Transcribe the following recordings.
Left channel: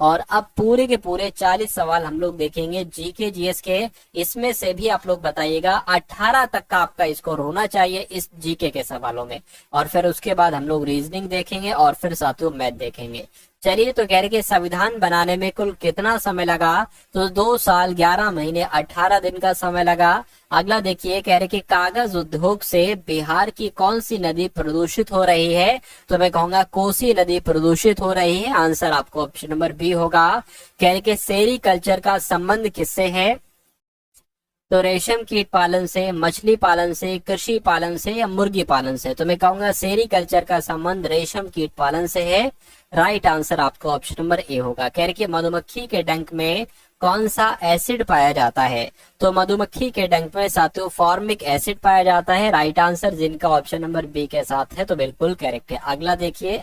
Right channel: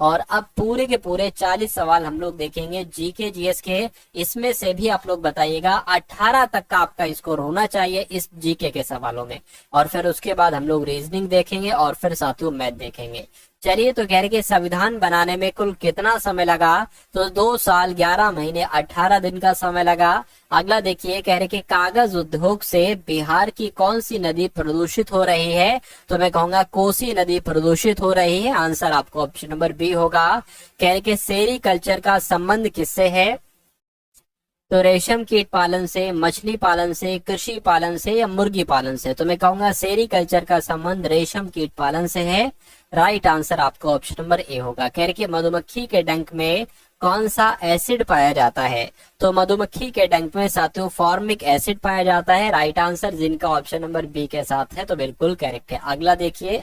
और अब पूरे के पूरे 40 सवाल हम लोग देखेंगे जीके जीएस के। इसमें से भी आप लोग बताइएगा 18 तक का आपका स्कोर होना चाहिए इस जीके के सवालों में। और फिर उसके बाद हम लोग रीजनिंग देखेंगे और फिर साथियों मैथ देखेंगे। चलिए, तो कह रहे कि संविधान बनाने में कुल कितना समय लगा? तो 2 साल 11 महीने 18 दिन का समय लगा। अगला देखिए, कह रहे कि कागज उद्योग से बिहार की कौन सी नदी प्रदूषित हो रही है? तो मैं कहूंगा कोसी नदी प्रदूषित हो रही है। आंसर आपको ऑप्शन नंबर बी होगा। कह रहे कि सेरीकल्चर का संबंध किससे है? तो रेशम कीट पालन से, मछली पालन से, कृषि पालन से या मुर्गी पालन से? तो मैं कहूंगा सेरीकल्चर का संबंध रेशम कीट पालन से है। राइट आंसर आपका ऑप्शन नंबर ए होगा। कह रहे कि मधुमक्खी के डंक में कौन सा एसिड पाया जाता है? तो मधुमक्खी के डंक में साथियों फॉर्मिक एसिड पाया जाता है। राइट आंसर, जिनका ऑप्शन नंबर बी के साथ है तो बिल्कुल करेक्ट है। अगला देखिए,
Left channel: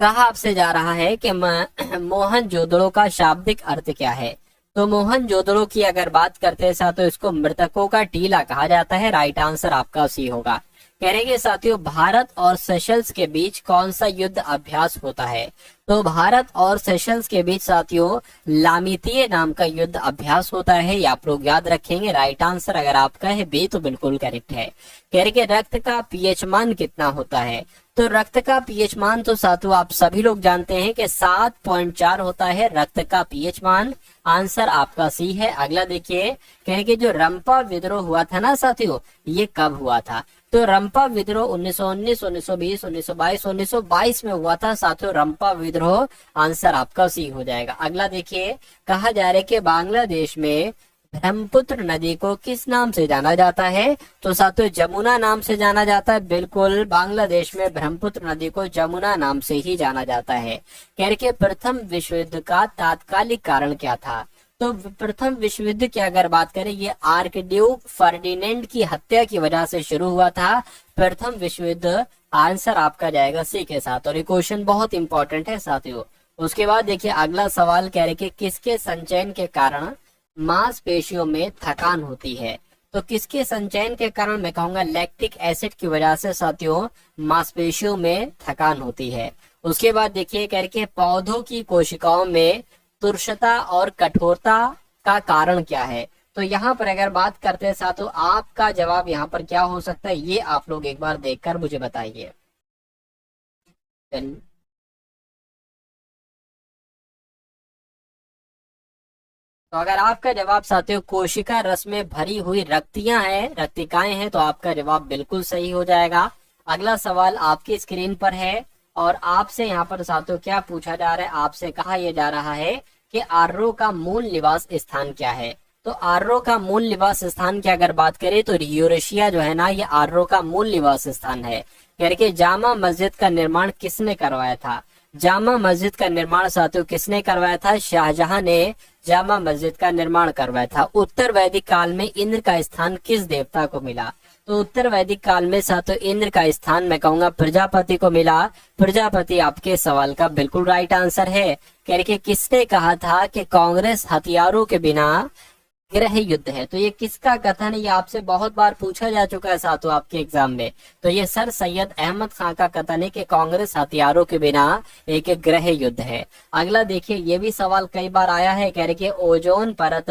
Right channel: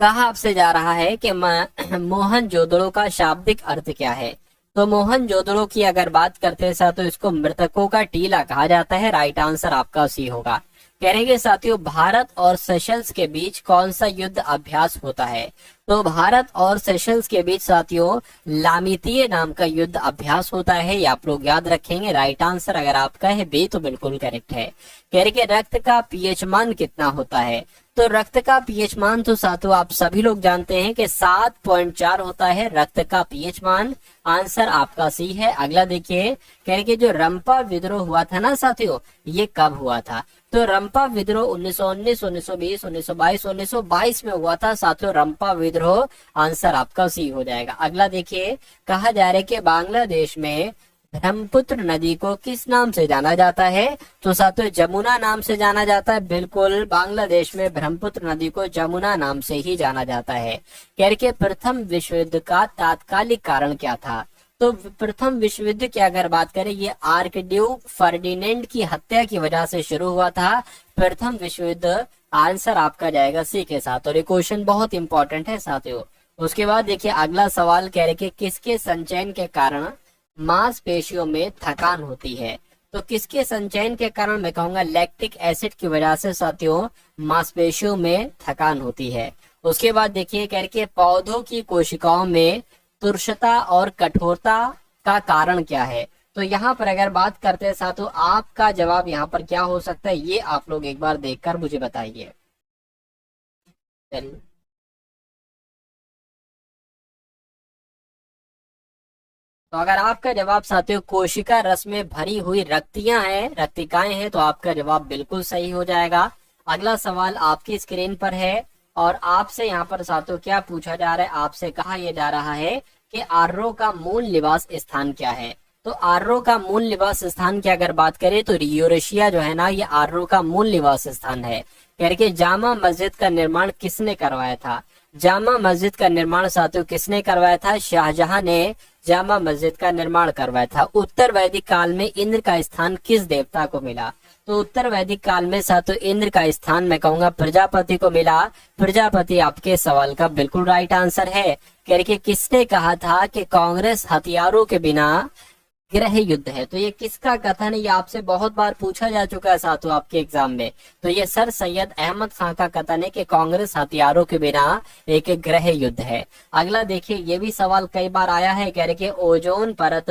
कहा आपसे जा रहा है कि मोहनजोदड़ो का शाब्दिक अर्थ क्या है? तो मोहनजोदड़ो की अगर बात करते हैं साथियों, इसको मृतकों का टीला कहा जाता है। राइट आंसर आपका सी होगा। कहेंगे साथियों, भारत और सेशल्स के बीच कौन सा युद्ध अभ्यास होता है? तो भारत और सेशल्स के बीच साथियों लामितीय नाम का युद्ध अभ्यास होता है। ये आप लोग याद रखेंगे। राइट आंसर अगर आपका है बी तो बिल्कुल करेक्ट है। कह रहे कि रक्त का पीएच मान कितना होता है? तो रक्त का पीएच मान तो साथियों आप सभी लोग जानते हैं कि 7.4 होता है रक्त का पीएच मान। आंसर आपका सी है। अगला देखिए, कह रहे कि जो रंपा विद्रोह हुआ था ना साथियों, ये कब हुआ था? तो रंपा विद्रोह 1919, 1920, 1922, 1922 में हुआ था साथियों रंपा विद्रोह। आंसर आपका सी हो जाएगा। अगला देखिए, कहा जा रहा है कि बांग्लादेश में ब्रह्मपुत्र नदी को किस नाम से जाना जाता है? तो साथियों जमुना नाम से जाना जाता है। बिल्कुल, बांग्लादेश में ब्रह्मपुत्र नदी को जमुना नाम से ही जाना जाता है। कह रहे कि प्रथम विश्व युद्ध का तात्कालिक कारण क्या था? तो प्रथम विश्व युद्ध की अगर बात करें, ये आर्कड्यूक फर्डिनेंड की हत्या की वजह से शुरू हुआ था प्रथम विश्व युद्ध। आंसर आपका जाएगा सी के साथ। और ये क्वेश्चन बहुत इंपॉर्टेंट है साथियों। उसके बाद देखिए अगला सवाल, कह रहे कि किसके संचयन के कारण मांसपेशियों में थकान होती है? तो किसके संचयन के कारण? मैं कहूंगा लैक्टिक एसिड की वजह से साथियों मांसपेशियों में थकान होती है। उसके बाद देखिए, कह रहे कि पौधों की कोशिकाओं में तुरशता और कठोरता का कारण क्या है? तो यहाँ पर अगर बात करते हैं साथियों, आपका जवाब यहाँ पर क्या हो सकता है, ये आप लोग एक बार देखकर मुझे बताइए। चलिए, तो अगर आपका जवाब साथियों कोशिका रस में भरी हुई रक्तिकाएं हैं तो आपका जवाब बिल्कुल सही हो जाएगा। अगला सवाल आपकी स्क्रीन पर है और आपसे यहाँ पर साथियों क्या पूछा जा रहा है? आपसे कहा यह जा रहा है कि आर्रो का मूल निवास स्थान क्या है? तो आर्रो का मूल निवास स्थान की अगर बात करें तो यूरेशिया जो है ना, ये आर्रो का मूल निवास स्थान है। कह रहे कि जामा मस्जिद का निर्माण किसने करवाया था? जामा मस्जिद का निर्माण साथियों किसने करवाया था? शाहजहां ने जामा मस्जिद का निर्माण करवाया था। उत्तर वैदिक काल में इंद्र का स्थान किस देवता को मिला? तो उत्तर वैदिक काल में साथियों इंद्र का स्थान मैं कहूंगा प्रजापति को मिला। प्रजापति आपके सवाल का बिल्कुल राइट आंसर है। कह रहे कि किसने कहा था कि कांग्रेस हथियारों के बिना गृह युद्ध है? तो ये किसका कथन है? ये आपसे बहुत बार पूछा जा चुका है साथियों आपके एग्जाम में। तो ये सर सैयद अहमद खान का कथन है कि कांग्रेस हथियारों के बिना एक गृह युद्ध है। अगला देखिए, ये भी सवाल कई बार आया है। कह रहे कि ओजोन परत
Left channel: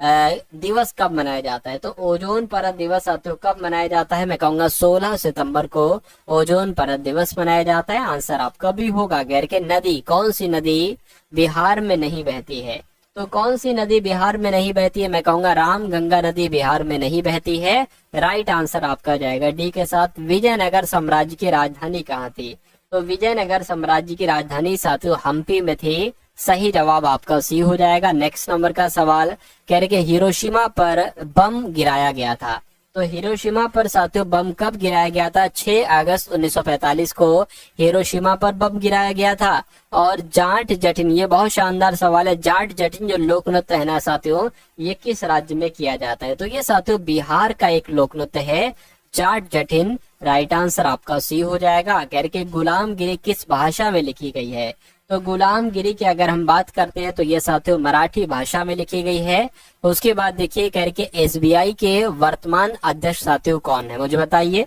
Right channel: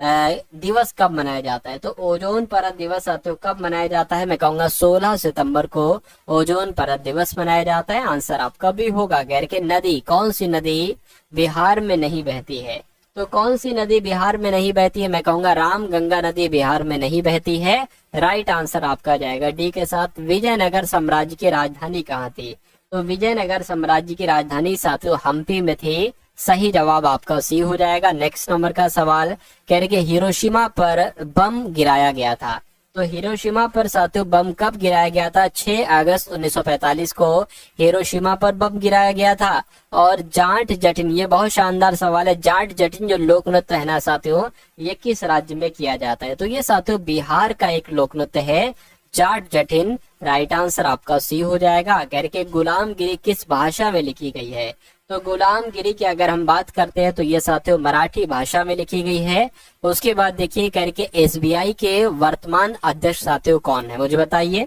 दिवस कब मनाया जाता है? तो ओजोन परत दिवस साथियों कब मनाया जाता है? मैं कहूंगा 16 सितंबर को ओजोन परत दिवस मनाया जाता है। आंसर आपका भी होगा। कह रहे कि नदी, कौन सी नदी बिहार में नहीं बहती है? तो कौन सी नदी बिहार में नहीं बहती है? मैं कहूंगा रामगंगा नदी बिहार में नहीं बहती है। राइट आंसर आपका जाएगा डी के साथ। विजयनगर साम्राज्य की राजधानी कहाँ थी? तो विजयनगर साम्राज्य की राजधानी साथियों हम्पी में थी। सही जवाब आपका सी हो जाएगा। नेक्स्ट नंबर का सवाल, कह रहे कि हिरोशिमा पर बम गिराया गया था। तो हिरोशिमा पर साथियों बम कब गिराया गया था? 6 अगस्त 1945 को हिरोशिमा पर बम गिराया गया था। और जाट जटिन, ये बहुत शानदार सवाल है। जाट जटिन जो लोक नृत्य है ना साथियों, ये किस राज्य में किया जाता है? तो ये साथियों बिहार का एक लोक नृत्य है, जाट जटिन। राइट आंसर आपका सी हो जाएगा। कह रहे कि गुलामगिरी किस भाषा में लिखी गई है? तो गुलामगिरी की अगर हम बात करते हैं तो ये साथियों मराठी भाषा में लिखी गई है। उसके बाद देखिए, कह रहे कि एसबीआई के वर्तमान अध्यक्ष साथियों कौन है, मुझे बताइए।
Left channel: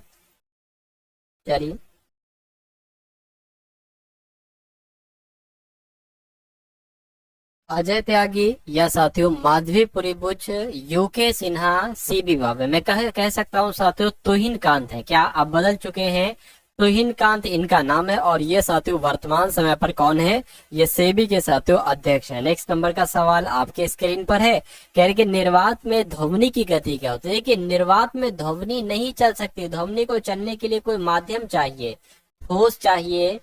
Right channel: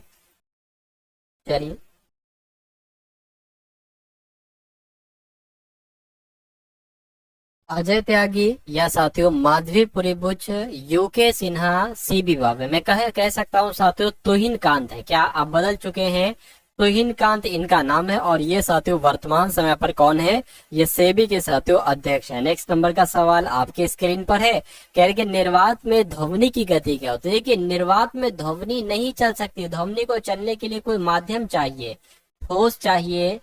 चलिए, अजय त्यागी या साथियों माधवी पुरीबुच, यूके सिन्हा, सीबी भावे। मैं कह सकता हूँ साथियों तुहिन कांत है। क्या आप बदल चुके हैं? तुहिन कांत इनका नाम है और ये साथियों वर्तमान समय पर कौन है? ये सेबी के साथियों अध्यक्ष है। नेक्स्ट नंबर का सवाल आपके स्क्रीन पर है। कह रहे कि निर्वात में ध्वनि की गति क्या होती है? कि निर्वात में ध्वनि नहीं चल सकती। ध्वनि को चलने के लिए कोई माध्यम चाहिए, ठोस चाहिए,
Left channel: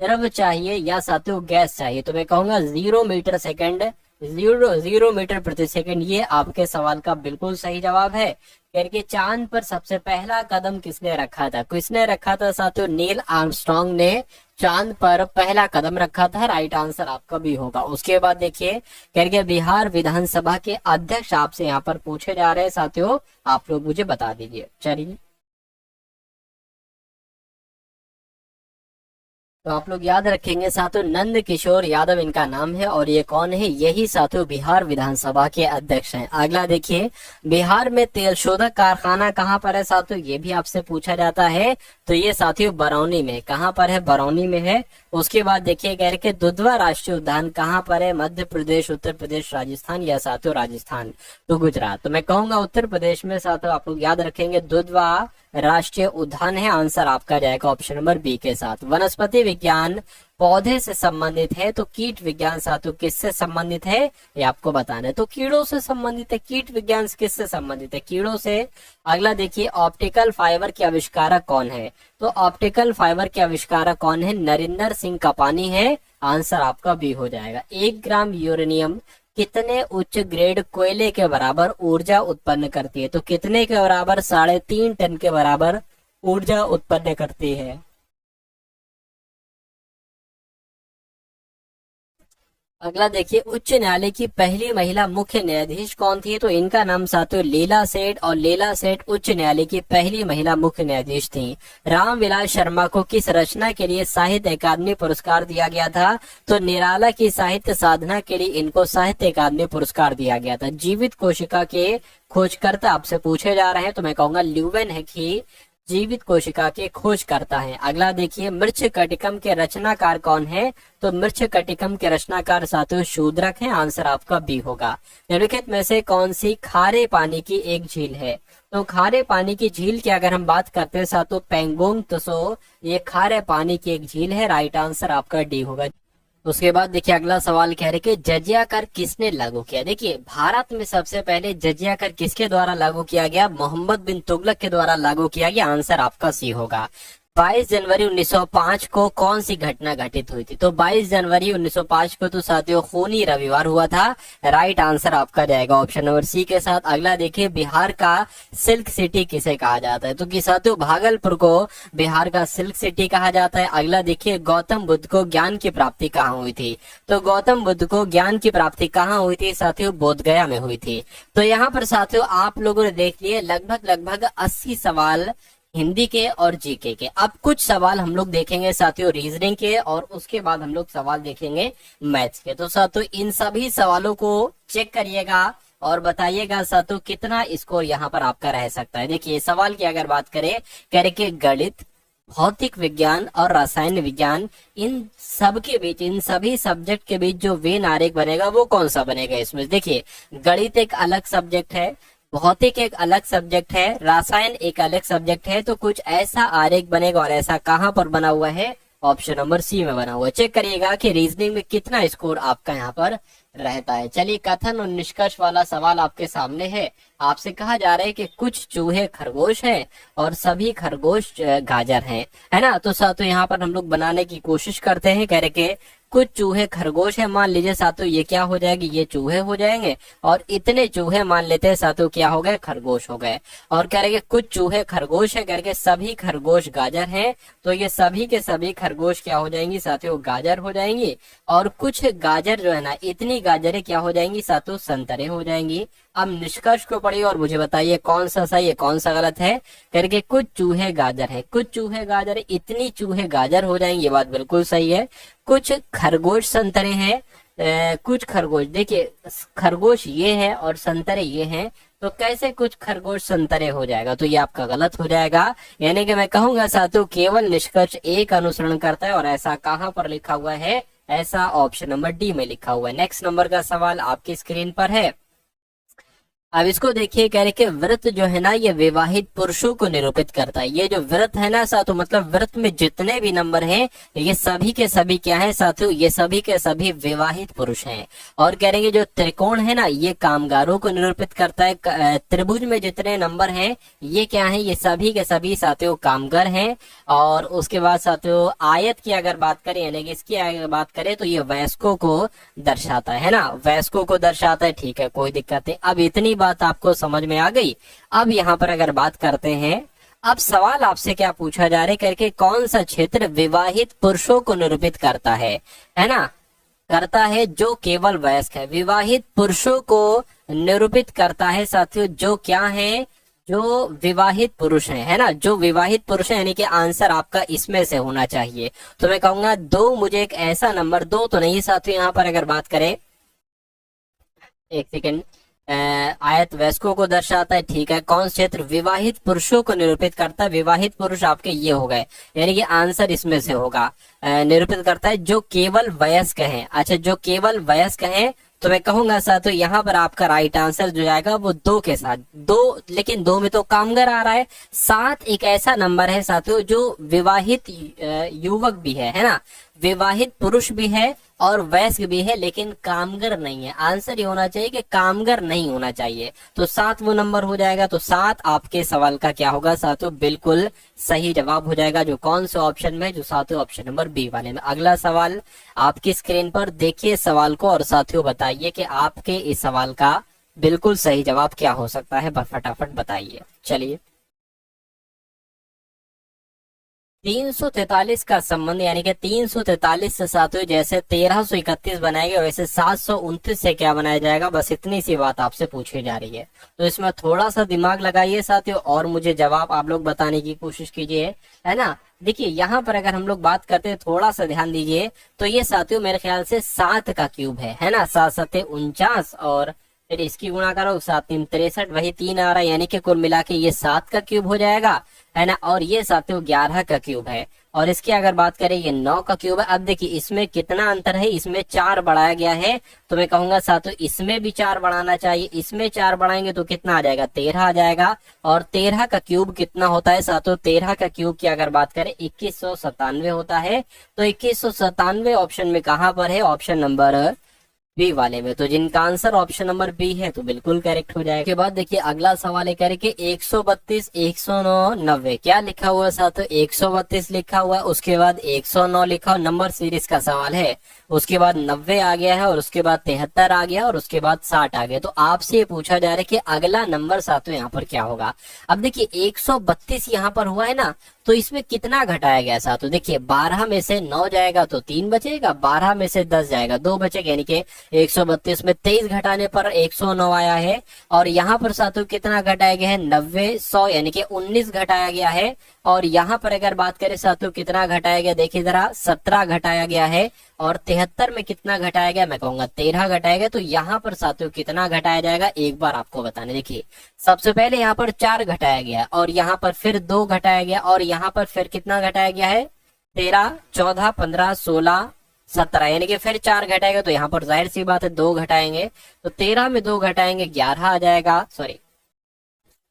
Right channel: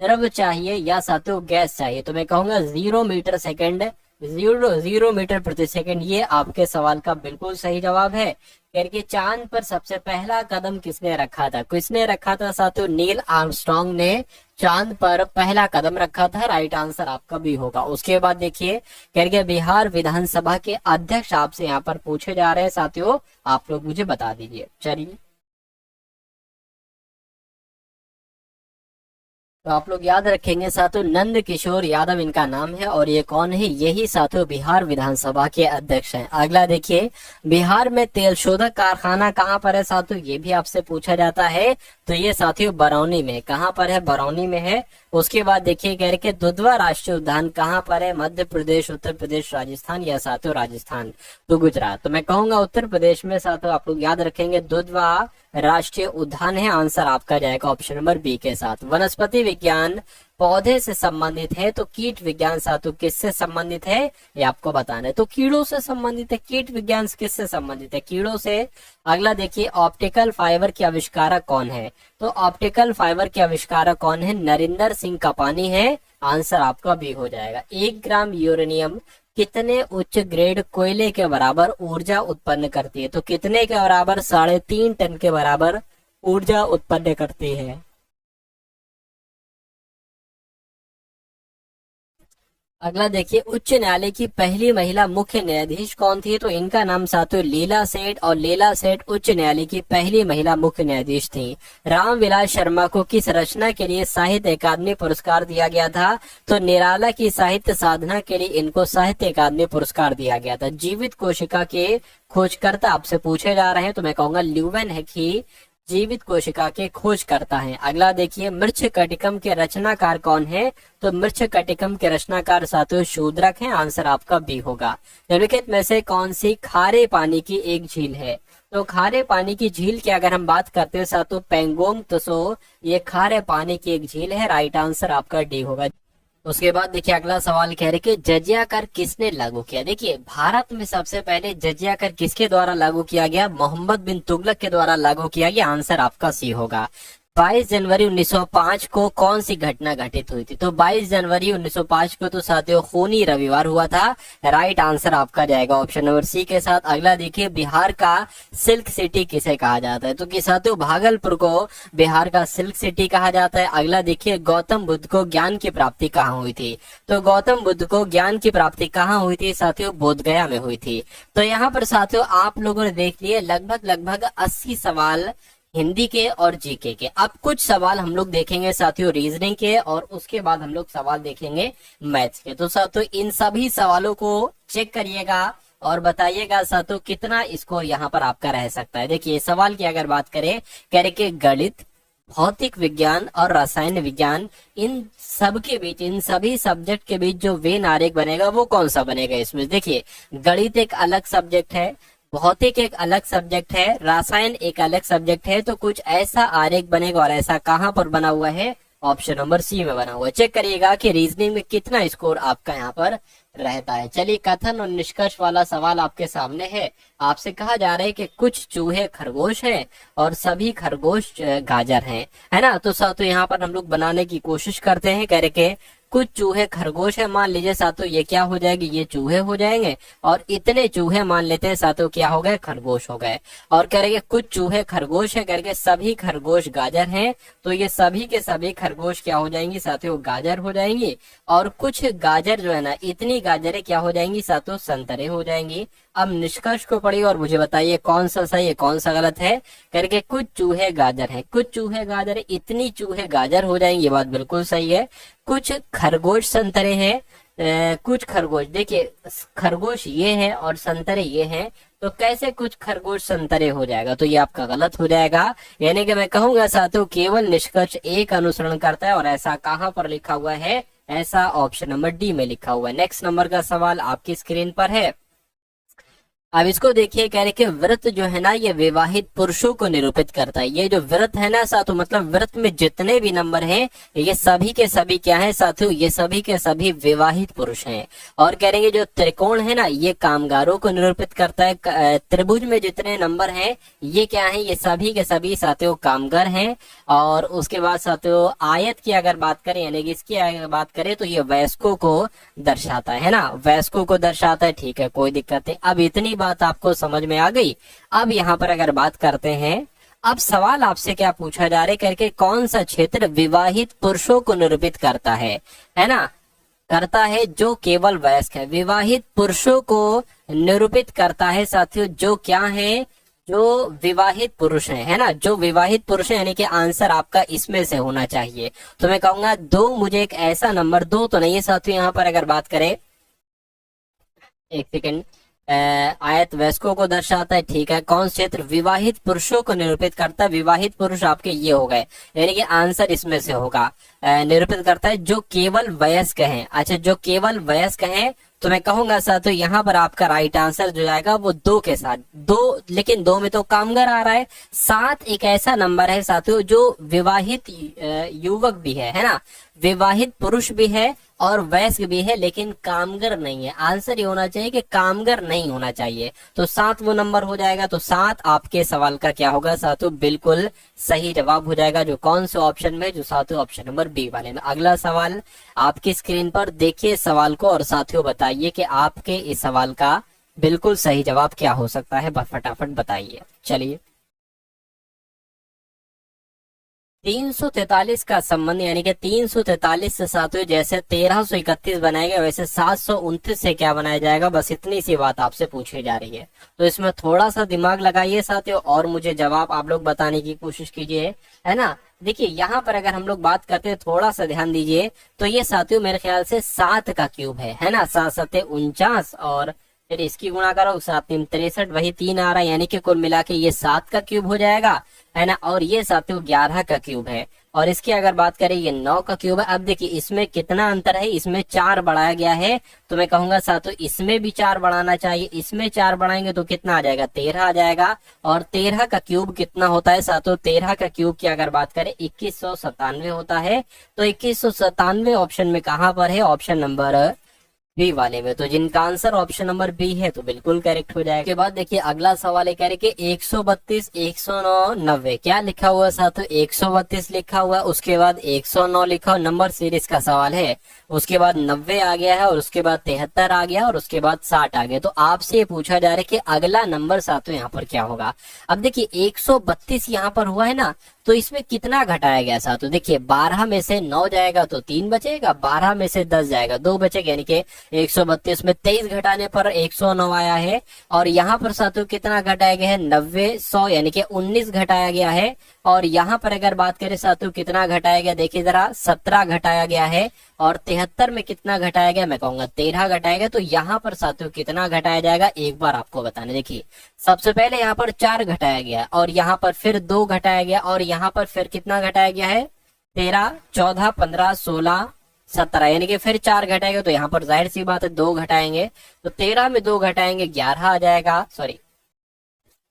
द्रव चाहिए या साथियों गैस चाहिए। तो मैं कहूंगा 0 मीटर सेकेंड, 0 मीटर प्रति सेकेंड। ये आपके सवाल का बिल्कुल सही जवाब है। करके चांद पर सबसे पहला कदम किसने रखा था? किसने रखा था साथियों? नील आर्मस्ट्रांग ने चांद पर पहला कदम रखा था। राइट आंसर आपका भी होगा। उसके बाद देखिए करके बिहार विधानसभा के अध्यक्ष आपसे यहाँ पर पूछे जा रहे हैं साथियों, आप लोग मुझे बता दीजिए। चलिए, तो आप लोग याद रखेंगे साथियों, नंद किशोर यादव इनका नाम है और ये कौन है? यही साथियों बिहार विधानसभा के अध्यक्ष हैं। अगला देखिए, बिहार में तेल शोधक कारखाना कहाँ पर है साथियों? ये भी आपसे पूछा जाता है। तो ये साथियों बरौनी में। कहाँ पर है? बरौनी में है। उसके बाद देखिए कह रहे कि दुधवा राष्ट्रीय उद्यान कहाँ पर है? मध्य प्रदेश, उत्तर प्रदेश, राजस्थान या साथियों राजस्थान तो गुजरात। तो मैं कहूंगा उत्तर प्रदेश में साथियों। आप लोग याद रखेंगे दुधवा राष्ट्रीय उद्यान है। आंसर आपका जाएगा ऑप्शन नंबर बी के साथ। वनस्पति विज्ञान पौधे से संबंधित है, तो कीट विज्ञान साथियों किससे संबंधित है? ये आपको बताना है। तो कीड़ों से संबंधित है। कीट विज्ञान किससे संबंधित है? कीड़ों से। अगला देखिए, ऑप्टिकल फाइबर के आविष्कारक कौन है? तो ऑप्टिकल फाइबर के आविष्कारक कौन है? नरिंदर सिंह कपानी है। आंसर आपका बी हो जाएगा। 1 ग्राम यूरेनियम कितने उच्च ग्रेड कोयले के बराबर ऊर्जा उत्पन्न करती है? तो कितने के बराबर? 3.5 टन के बराबर ऊर्जा उत्पन्न करती है। अगला देखिए, उच्च न्यायालय की पहली महिला मुख्य न्यायाधीश कौन थी? तो इनका नाम साथियों लीला सेठ, और लीला सेठ उच्च न्यायालय की पहली महिला मुख्य न्यायाधीश थी। रामविलास शर्मा को किस रचना के लिए साहित्य अकादमी पुरस्कार दिया गया था? तो निराला की साहित्य साधना के लिए इनको साहित्य अकादमी पुरस्कार दिया गया था। जीवित कोशिका के खोजकर्ता आपसे पूछे जा रहे हैं, तो मैं कहूंगा ल्यूवेन है कि जीवित कोशिका के खोज करता है। अगला देखिए, मृच्छकटिकम के रचनाकार कौन है? तो मृच्छकटिकम के रचनाकार साथियों शूद्रक हैं। आंसर आपका बी होगा। निम्नलिखित में से कौन सी खारे पानी की एक झील है? तो खारे पानी की झील की अगर हम बात करते हैं साथियों पेंगोंग त्सो, ये खारे पानी की एक झील है। राइट आंसर आपका डी होगा। उसके बाद देखिए अगला सवाल कह रहे कि जजिया कर किसने लागू किया? देखिए भारत में सबसे पहले जजिया कर किसके द्वारा लागू किया गया? मोहम्मद बिन तुगलक के द्वारा लागू किया गया। आंसर आपका सी होगा। 22 जनवरी 1905 को कौन सी घटना घटित हुई थी? तो 22 जनवरी 1905 को तो साथियों खूनी रविवार हुआ था। राइट आंसर आपका जाएगा ऑप्शन नंबर सी के साथ। अगला देखिए, बिहार का सिल्क सिटी किसे कहा जाता है? तो कि साथियों भागलपुर को बिहार का सिल्क सिटी कहा जाता है। अगला देखिए, गौतम बुद्ध को ज्ञान की प्राप्ति कहाँ हुई थी? तो गौतम बुद्ध को ज्ञान की प्राप्ति कहाँ हुई थी साथियों? बोधगया में हुई थी। तो यहाँ पर साथियों आप लोगों ने देख लिए लगभग 80 सवाल हिंदी के और जीके के। अब कुछ सवाल हम लोग देखेंगे साथियों रीजनिंग के, और उसके बाद हम लोग सवाल देखेंगे मैथ्स के। तो साथियों इन सभी सवालों को चेक करिएगा और बताइएगा साथियों कितना स्कोर यहाँ पर आपका रह सकता है। देखिए सवाल की अगर बात करें, कह रहे कि गणित, भौतिक विज्ञान और रसायन विज्ञान, इन सब के बीच, इन सभी सब्जेक्ट के बीच जो वेन आरेख बनेगा वो कौन सा बनेगा? इसमें देखिए गणित एक अलग सब्जेक्ट है, भौतिक एक अलग सब्जेक्ट है, रसायन एक अलग सब्जेक्ट है। तो कुछ ऐसा आरेख बनेगा, और ऐसा कहाँ पर बना हुआ है? ऑप्शन नंबर सी में बना हुआ है। चेक करिएगा कि रीजनिंग में कितना स्कोर आपका यहाँ पर रहता है। चलिए कथन और निष्कर्ष वाला सवाल आपके सामने है। आपसे कहा जा रहा है कि कुछ चूहे खरगोश है और सभी खरगोश गाजर हैं, है ना? तो साथियों यहाँ पर हम लोग बनाने की कोशिश करते हैं। कह रहे कि कुछ चूहे खरगोश है, मान लीजिए साथियों ये क्या हो जाएगी? ये चूहे हो जाएंगे, और इतने चूहे मान लेते हैं साथियों क्या हो गए? खरगोश हो गए। और कह रहे कुछ चूहे खरगोश है करके सभी खरगोश गाजर हैं, तो ये सभी के सभी खरगोश क्या हो जाएंगी साथियों? गाजर हो जाएंगी। और कुछ गाजर जो है ना, इतनी गाजरें क्या हो जाएंगी साथियों? संतरे हो जाएंगी। अब निष्कर्ष को पढ़िए और मुझे बताइए कौन सा सही है कौन सा गलत है। करके कुछ चूहे गाजर है, कुछ चूहे गाजर, इतनी चूहे गाजर हो जाएंगे, ये बात बिल्कुल सही है। कुछ खरगोश संतरे हैं, कुछ खरगोश, देखिए खरगोश ये है और संतरे ये हैं, तो कैसे कुछ खरगोश संतरे हो जाएगा? तो ये आपका गलत हो जाएगा। यानी कि मैं कहूंगा साथियों केवल निष्कर्ष एक अनुसरण करता है, और ऐसा कहाँ पर लिखा हुआ है? ऐसा ऑप्शन नंबर डी में लिखा हुआ है। नेक्स्ट नंबर का सवाल आपकी स्क्रीन पर है। अब इसको देखिए, कह रहे कि व्रत जो है ना ये विवाहित पुरुषों को निरूपित करता है। ये जो व्रत है ना साथियों, मतलब व्रत में जितने भी नंबर हैं ये सभी के सभी क्या है साथियों, ये सभी के सभी विवाहित पुरुष हैं। और कह रहे जो त्रिकोण है ना ये कामगारों को निरूपित करता है। त्रिभुज में जितने नंबर हैं ये क्या है, ये सभी के सभी साथियों कामगार हैं। और उसके बाद साथियों आयत की अगर बात करें यानी कि इसकी अगर बात करें तो ये वयस्कों को दर्शाता है ना, वयस्कों को दर्शाता है। ठीक है, कोई दिक्कत नहीं। अब इतनी बात आपको समझ में आ गई। अब यहाँ पर अगर बात करते हैं, अब सवाल आपसे क्या पूछा जा रहा है करके, कौन सा क्षेत्र विवाहित पुरुषों को निरूपित करता है ना, करता है जो केवल वयस्क है। विवाहित पुरुषों को निरूपित करता है साथियों जो क्या है, जो विवाहित पुरुष है ना, जो विवाहित पुरुष है। यानी कि आंसर आपका इसमें से होना चाहिए। तो मैं कहूंगा दो, मुझे एक ऐसा नंबर दो तो नहीं है साथियों। यहाँ पर अगर बात करें, एक सेकेंड, आयत वयस्कों को दर्शाता है। ठीक है, कौन क्षेत्र विवाहित पुरुषों को निरूपित करता है, विवाहित पुरुष आपके ये हो गए, यानी कि आंसर इसमें से होगा। निरूपित करता है जो केवल वयस्क है। अच्छा, जो केवल वयस्क है तो मैं कहूंगा साथियों यहाँ पर आपका राइट आंसर जो आएगा वो दो के साथ, दो, लेकिन दो में तो कामगार आ रहा है। सात एक ऐसा नंबर है साथियों जो विवाहित युवक भी है ना, विवाहित पुरुष भी है और वयस्क भी है, लेकिन कामगार नहीं है। आंसर ये होना चाहिए कि कामगार नहीं होना चाहिए। तो सात वो नंबर हो जाएगा। तो सात आपके सवाल का क्या होगा साथियों, बिल्कुल सही जवाब हो जाएगा। जो कौन से ऑप्शन में, जो साथियों ऑप्शन नंबर बी वाले में। अगला सवाल आपकी स्क्रीन पर देखिए सवाल को और साथियों बताइए कि आपके इस सवाल का बिल्कुल सही जवाब क्या हो सकता है, फटाफट बताइए। चलिए, 343 का संबंध यानी कि 343 से साथियों जैसे 1331 बनाएगा वैसे 729 से क्या बनाया जाएगा, बस इतनी सी बात आपसे पूछी जा रही है। तो इसमें थोड़ा सा दिमाग लगाइए साथियों और मुझे जवाब आप लोग बताने की कोशिश कीजिए, है ना। देखिए यहाँ पर अगर हम लोग बात करते हैं, थोड़ा सा ध्यान दीजिए, तो ये साथियों मेरे ख्याल से 7 का क्यूब है ना। 7 7 49 और फिर इसकी गुणा करो 7 3 63, वही 3 आ रहा है, यानी कि कुल मिला के ये 7 का क्यूब हो जाएगा, है ना। और ये साथियों 11 का क्यूब है। और इसकी अगर बात करें ये 9 का क्यूब है। अब देखिए इसमें कितना अंतर है, इसमें 4 बढ़ाया गया है। तो मैं कहूंगा साथियों इसमें भी 4 बढ़ाना चाहिए। इसमें 4 बढ़ाएंगे तो कितना आ जाएगा, 13 आ जाएगा। और 13 का क्यूब कितना होता है साथियों, 13 का क्यूब की अगर बात करें 2197 होता है। तो 2197 ऑप्शन में कहां पर है, ऑप्शन नंबर बी वाले में। तो जिनका आंसर ऑप्शन नंबर बी है तो बिल्कुल करेक्ट हो जाएगा। के बाद देखिए अगला सवाल है, कह रहे कि 132 109 90 क्या लिखा हुआ है साथियों, 132 लिखा हुआ है, उसके बाद 109 लिखा हुआ, नंबर सीरीज का सवाल है। उसके बाद 90 आ गया है और उसके बाद 73 आ गया और उसके बाद 60 आ गया। तो आपसे ये पूछा जा रहा है कि अगला नंबर साथियों यहाँ पर क्या होगा। अब देखिए 132 यहाँ पर हुआ है ना, तो इसमें कितना घटाया गया साथियों, देखिए 12 में से 9 जाएगा तो 3 बचेगा, 12 में से 10 जाएगा 2 बचेगा, यानी कि 132 में 23 घटाने पर 109 आया है। और यहाँ पर साथियों कितना घटाया गया है, 90 100 यानी कि 19 घटाया गया है। और यहाँ पर अगर बात करें साथियों कितना घटाया गया, देखिए जरा 17 घटाया गया है। और 73 में कितना घटाया गया, मैं कहूंगा 13 घटाया गया। तो यहाँ पर साथियों कितना घटाया जाएगा, एक बार आपको बताने, देखिए सबसे पहले यहाँ पर 4 घटाया गया और यहाँ पर फिर 2 घटाया गया और यहाँ पर फिर कितना घटाया गया है, 13 14 15 16 17, यानी कि फिर 4 घटाएंगे। तो यहाँ पर जाहिर सी बात है 2 घटाएंगे, तो 13 में 2 घटाएंगे 11 आ जाएगा। सॉरी,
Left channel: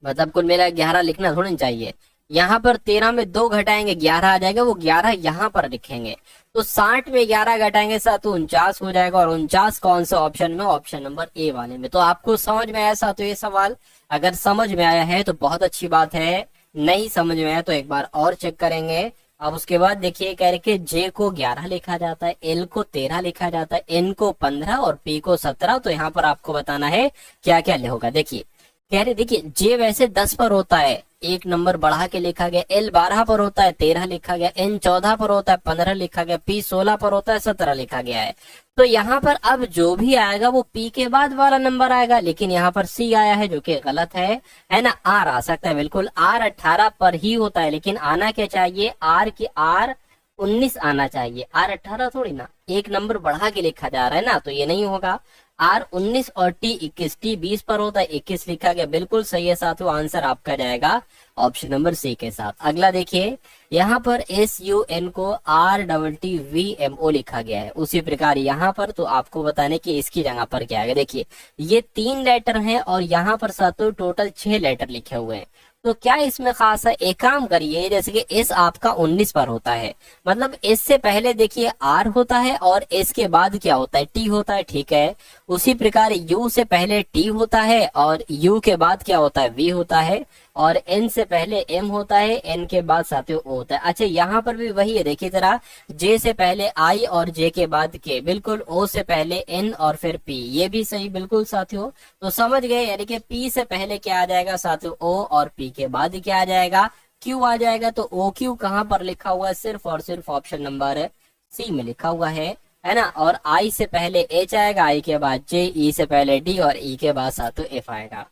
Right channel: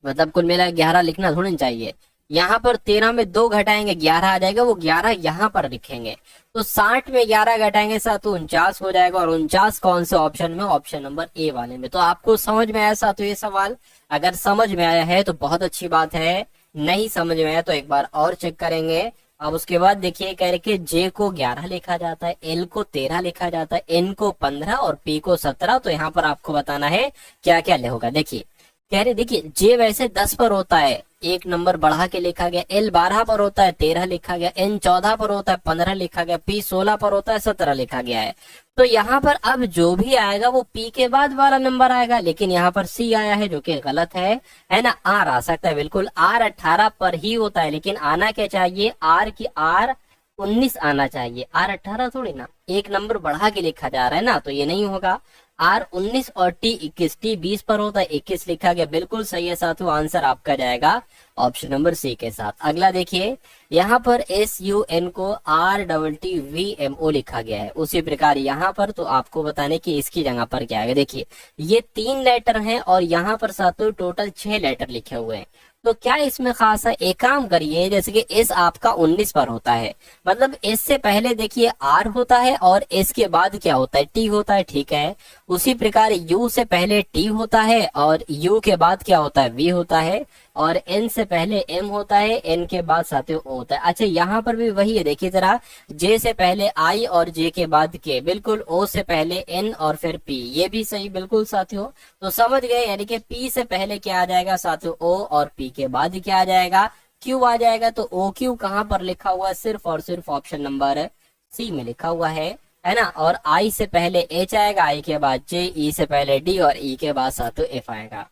मतलब कुल मिला 11 लिखना थोड़ी चाहिए। यहाँ पर 13 में 2 घटाएंगे 11 आ जाएगा, वो 11 यहाँ पर लिखेंगे। तो 60 में 11 घटाएंगे साथियों 49 हो जाएगा। और 49 कौन से ऑप्शन में, ऑप्शन नंबर ए वाले में। तो आपको समझ में आया साथियों ये सवाल, अगर समझ में आया है तो बहुत अच्छी बात है, नहीं समझ में आया तो एक बार और चेक करेंगे। अब उसके बाद देखिए कह रहे कि जे को 11 लिखा जाता है, एल को 13 लिखा जाता है, एन को 15 और पी को 17। तो यहाँ पर आपको बताना है क्या क्या होगा। देखिए कह रहे, देखिए जे वैसे 10 पर होता है, एक नंबर बढ़ा के लिखा गया, एल 12 पर होता है 13 लिखा गया, एन 14 पर होता है 15 लिखा गया, पी 16 पर होता है 17 लिखा गया है। तो यहाँ पर अब जो भी आएगा वो पी के बाद वाला नंबर आएगा, लेकिन यहाँ पर सी आया है जो कि गलत है ना। आर आ सकता है, बिल्कुल आर 18 पर ही होता है, लेकिन आना क्या चाहिए, आर की आर 19 आना चाहिए, आर 18 थोड़ी ना, एक नंबर बढ़ा के लिखा जा रहा है ना, तो ये नहीं होगा। आर 19 और टी 21, टी 20 पर होता है 21 लिखा गया, बिल्कुल सही है साथियों, आंसर आपका जाएगा ऑप्शन नंबर सी के साथ। अगला देखिए, यहाँ पर SUN को RTTVMO लिखा गया है, उसी प्रकार यहाँ पर तो आपको बताने की इसकी जगह पर क्या है। देखिए ये 3 लेटर हैं और यहाँ पर साथियों टोटल 6 लेटर लिखे हुए हैं, तो क्या इसमें खास है, एक काम करिए, जैसे कि एस आपका 19 पर होता है, मतलब एस से पहले देखिए आर होता है और एस के बाद क्या होता है, टी होता है, ठीक है। उसी प्रकार यू से पहले टी होता है और यू के बाद क्या होता है, वी होता है, और एन से पहले एम होता है, एन के बाद साथियों ओ होता है। अच्छा यहाँ पर भी वही है, देखिए जरा, जे से पहले आई और जे के बाद के, बिल्कुल, ओ से पहले एन और फिर पी, ये भी सही बिल्कुल साथियों। तो समझ गए, यानी कि पी से पहले क्या आ जाएगा साथियों, ओ, और पी के बाद क्या आ जाएगा, क्यू आ जाएगा। तो ओ क्यू कहाँ पर लिखा हुआ है, सिर्फ और सिर्फ ऑप्शन नंबर सी में लिखा हुआ है ना। और आई से पहले एच आएगा, आई के बाद जे, ई से पहले डी और ई के बाद साथियों एफ आएगा।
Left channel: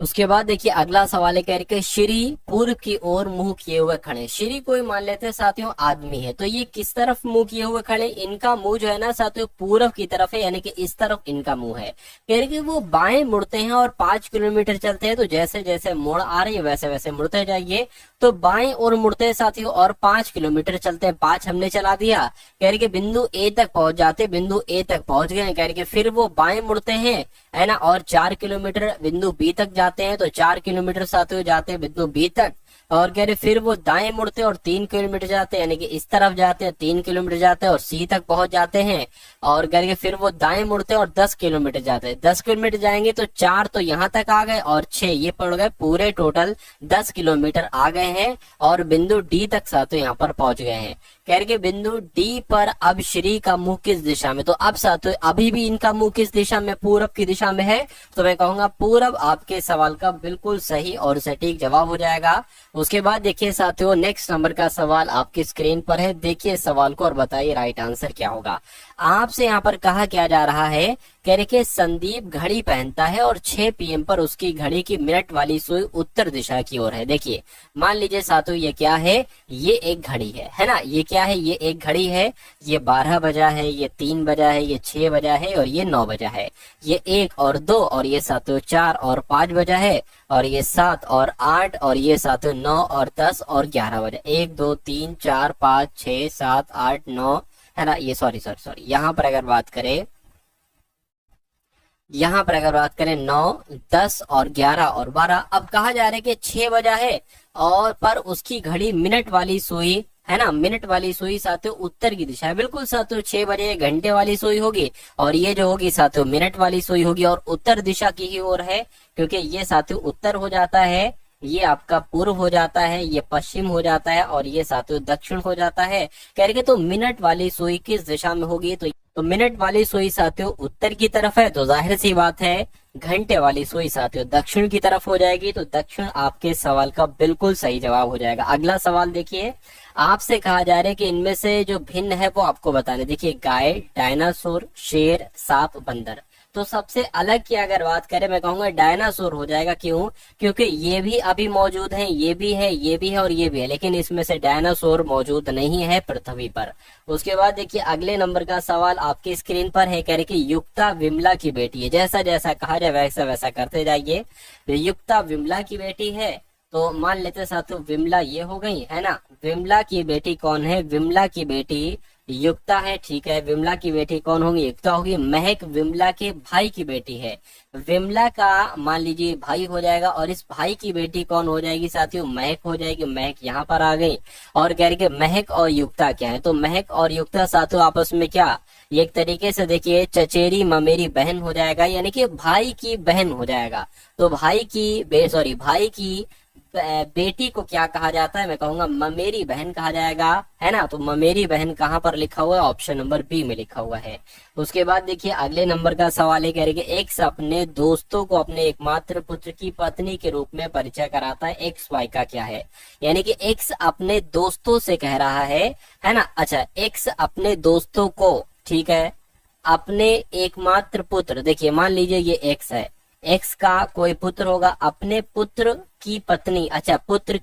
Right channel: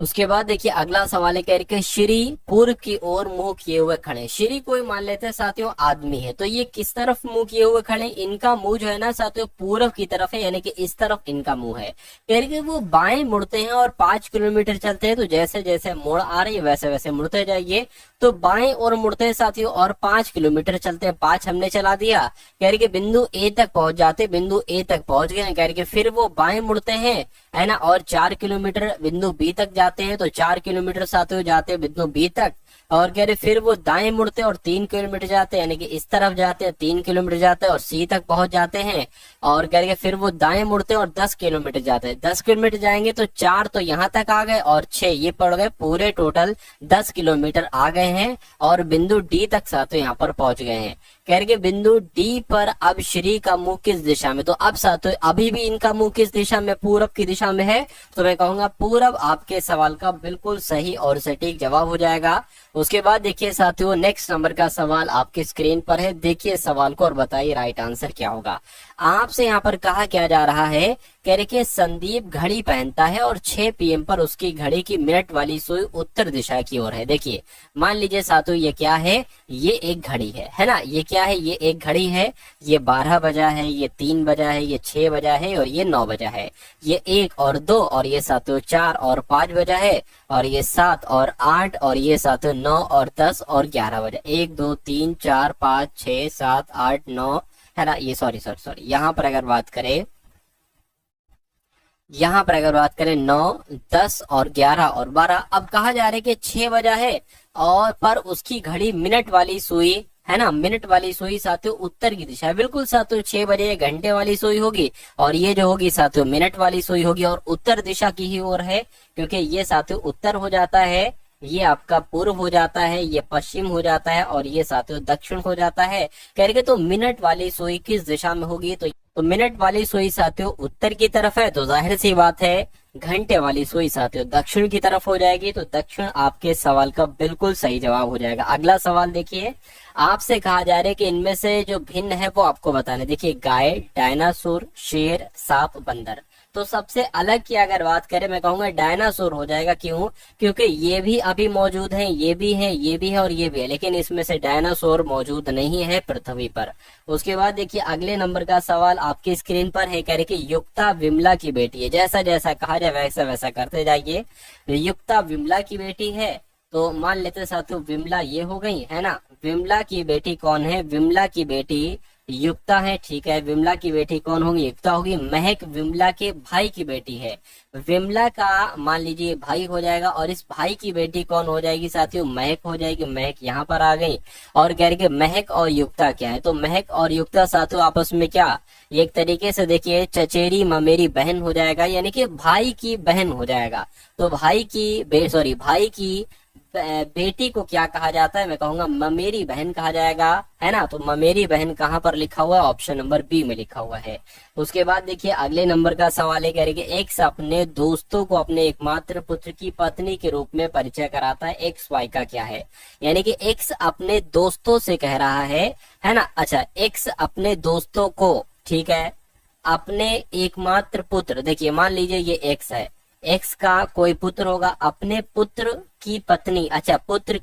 उसके बाद देखिए अगला सवाल है, कह रहे कि श्री पूर्व की ओर मुंह किए हुए खड़े। श्री कोई मान लेते हैं साथियों आदमी है, तो ये किस तरफ मुंह किए हुए खड़े, इनका मुंह जो है ना साथियों पूर्व की तरफ है, यानी कि इस तरफ इनका मुंह है। कह रहे कि वो बाएं मुड़ते हैं और 5 किलोमीटर चलते हैं, तो जैसे जैसे मुड़ आ रही है वैसे वैसे मुड़ते जाइए। तो बाएं और मुड़ते हैं साथियों और 5 किलोमीटर चलते हैं, 5 हमने चला दिया। कह रहे कि बिंदु ए तक पहुंच जाते, बिंदु ए तक पहुंच गए। कह रहे कि फिर वो बाएं मुड़ते हैं, है ना, और 4 किलोमीटर बिंदु बी तक जाते हैं, तो 4 किलोमीटर साथियों जाते हैं बिंदु बी तक। और कह रहे फिर वो दाएं मुड़ते हैं और 3 किलोमीटर जाते हैं, यानी कि इस तरफ जाते हैं, 3 किलोमीटर जाते हैं और सी तक पहुंच जाते हैं। और कह रहे फिर वो दाएं मुड़ते हैं और 10 किलोमीटर जाते हैं, 10 किलोमीटर जाएंगे तो 4 तो यहाँ तक आ गए और 6 ये पड़ गए, पूरे टोटल 10 किलोमीटर आ गए हैं और बिंदु डी तक साथियों यहाँ पर पहुंच गए हैं। कह रहे कि बिंदु डी पर अब श्री का मुंह किस दिशा में, तो अब साथियों अभी भी इनका मुंह किस दिशा में, पूरब की दिशा में है, तो मैं कहूंगा पूरब आपके सवाल का बिल्कुल सही और सटीक जवाब हो जाएगा। उसके बाद देखिए साथियों नेक्स्ट नंबर का सवाल आपके स्क्रीन पर है, देखिए सवाल को और बताइए राइट आंसर क्या होगा। आपसे यहाँ पर कहा क्या जा रहा है, कह रहे कि संदीप घड़ी पहनता है और 6 PM पर उसकी घड़ी की मिनट वाली सुई उत्तर दिशा की ओर है। देखिए मान लीजिए साथियों ये क्या है, ये एक घड़ी है ना, ये क्या है, ये एक घड़ी है, ये 12 बजा है, ये 3 बजा है, ये 6 बजा है और ये 9 बजा है, ये 1 और 2 और ये साथियों 4 और 5 बजा है, और ये 7 और 8 और ये साथियों 9 और 10 और 11 बजा, 1 2 3 4 5 6 7 8 9, है ना। ये सॉरी यहाँ पर अगर बात करें, यहाँ पर अगर बात करें 9 10 और 11 और 12, अब कहा जा रहा है कि 6 बजा है और पर उसकी घड़ी मिनट वाली सुई, है ना, मिनट वाली सुई साथियों उत्तर की दिशा है। बिल्कुल साथियों 6 बजे घंटे वाली सुई होगी और ये जो होगी साथियों मिनट वाली सुई होगी और उत्तर दिशा की ही ओर है, क्योंकि ये साथियों उत्तर हो जाता है, ये आपका पूर्व हो जाता है, ये पश्चिम हो जाता है और ये साथियों दक्षिण हो जाता है। कह रहे तो मिनट वाली सुई किस दिशा में होगी, तो मिनट वाली सुई साथियों उत्तर की तरफ है, तो जाहिर सी बात है घंटे वाली सुई साथियों दक्षिण की तरफ हो जाएगी, तो दक्षिण आपके सवाल का बिल्कुल सही जवाब हो जाएगा। अगला सवाल देखिए, आपसे कहा जा रहा है कि इनमें से जो भिन्न है वो आपको बताना। देखिए गाय, डायनासोर, शेर, सांप, बंदर, तो सबसे अलग की अगर बात करें मैं कहूंगा डायनासोर हो जाएगा। क्यों, क्योंकि ये भी अभी मौजूद है, ये भी है, ये भी है और ये भी है, लेकिन इसमें से डायनासोर मौजूद नहीं है पृथ्वी पर। उसके बाद देखिए अगले नंबर का सवाल आपके स्क्रीन पर है, कह रहे कि युक्ता विमला की बेटी है, जैसा जैसा कहा जाए वैसा वैसा करते जाइए। युक्ता विमला की बेटी है, तो मान लेते साथियों विमला ये हो गई, है ना। विमला की बेटी कौन है, विमला की बेटी युक्ता है, ठीक है। विमला की बेटी कौन होगी, युक्ता होगी। महक विमला के भाई की बेटी है, विमला का मान लीजिए भाई हो जाएगा, और इस भाई की बेटी कौन हो जाएगी साथियों, महक हो जाएगी। महक यहाँ पर आ गई और कह रही कि महक और युक्ता क्या है, तो महक और युक्ता साथियों आपस में क्या, ये एक तरीके से देखिए चचेरी ममेरी बहन हो जाएगा, यानी कि भाई की बहन हो जाएगा। तो भाई की बेटी को क्या कहा जाता है, मैं कहूंगा ममेरी बहन कहा जाएगा, है ना। तो ममेरी बहन कहाँ पर लिखा हुआ है, ऑप्शन नंबर बी में लिखा हुआ है। उसके बाद देखिए अगले नंबर का सवाल है, कह रहे कि एक्स अपने दोस्तों को अपने एकमात्र पुत्र की पत्नी के रूप में परिचय कराता है, एक्स वाई का क्या है, यानी कि एक्स अपने दोस्तों से कह रहा है ना। अच्छा, एक्स अपने दोस्तों को, ठीक है, अपने एकमात्र पुत्र, देखिए मान लीजिए ये एक्स है, एक्स का कोई पुत्र होगा, अपने पुत्र की पत्नी, अच्छा पुत्र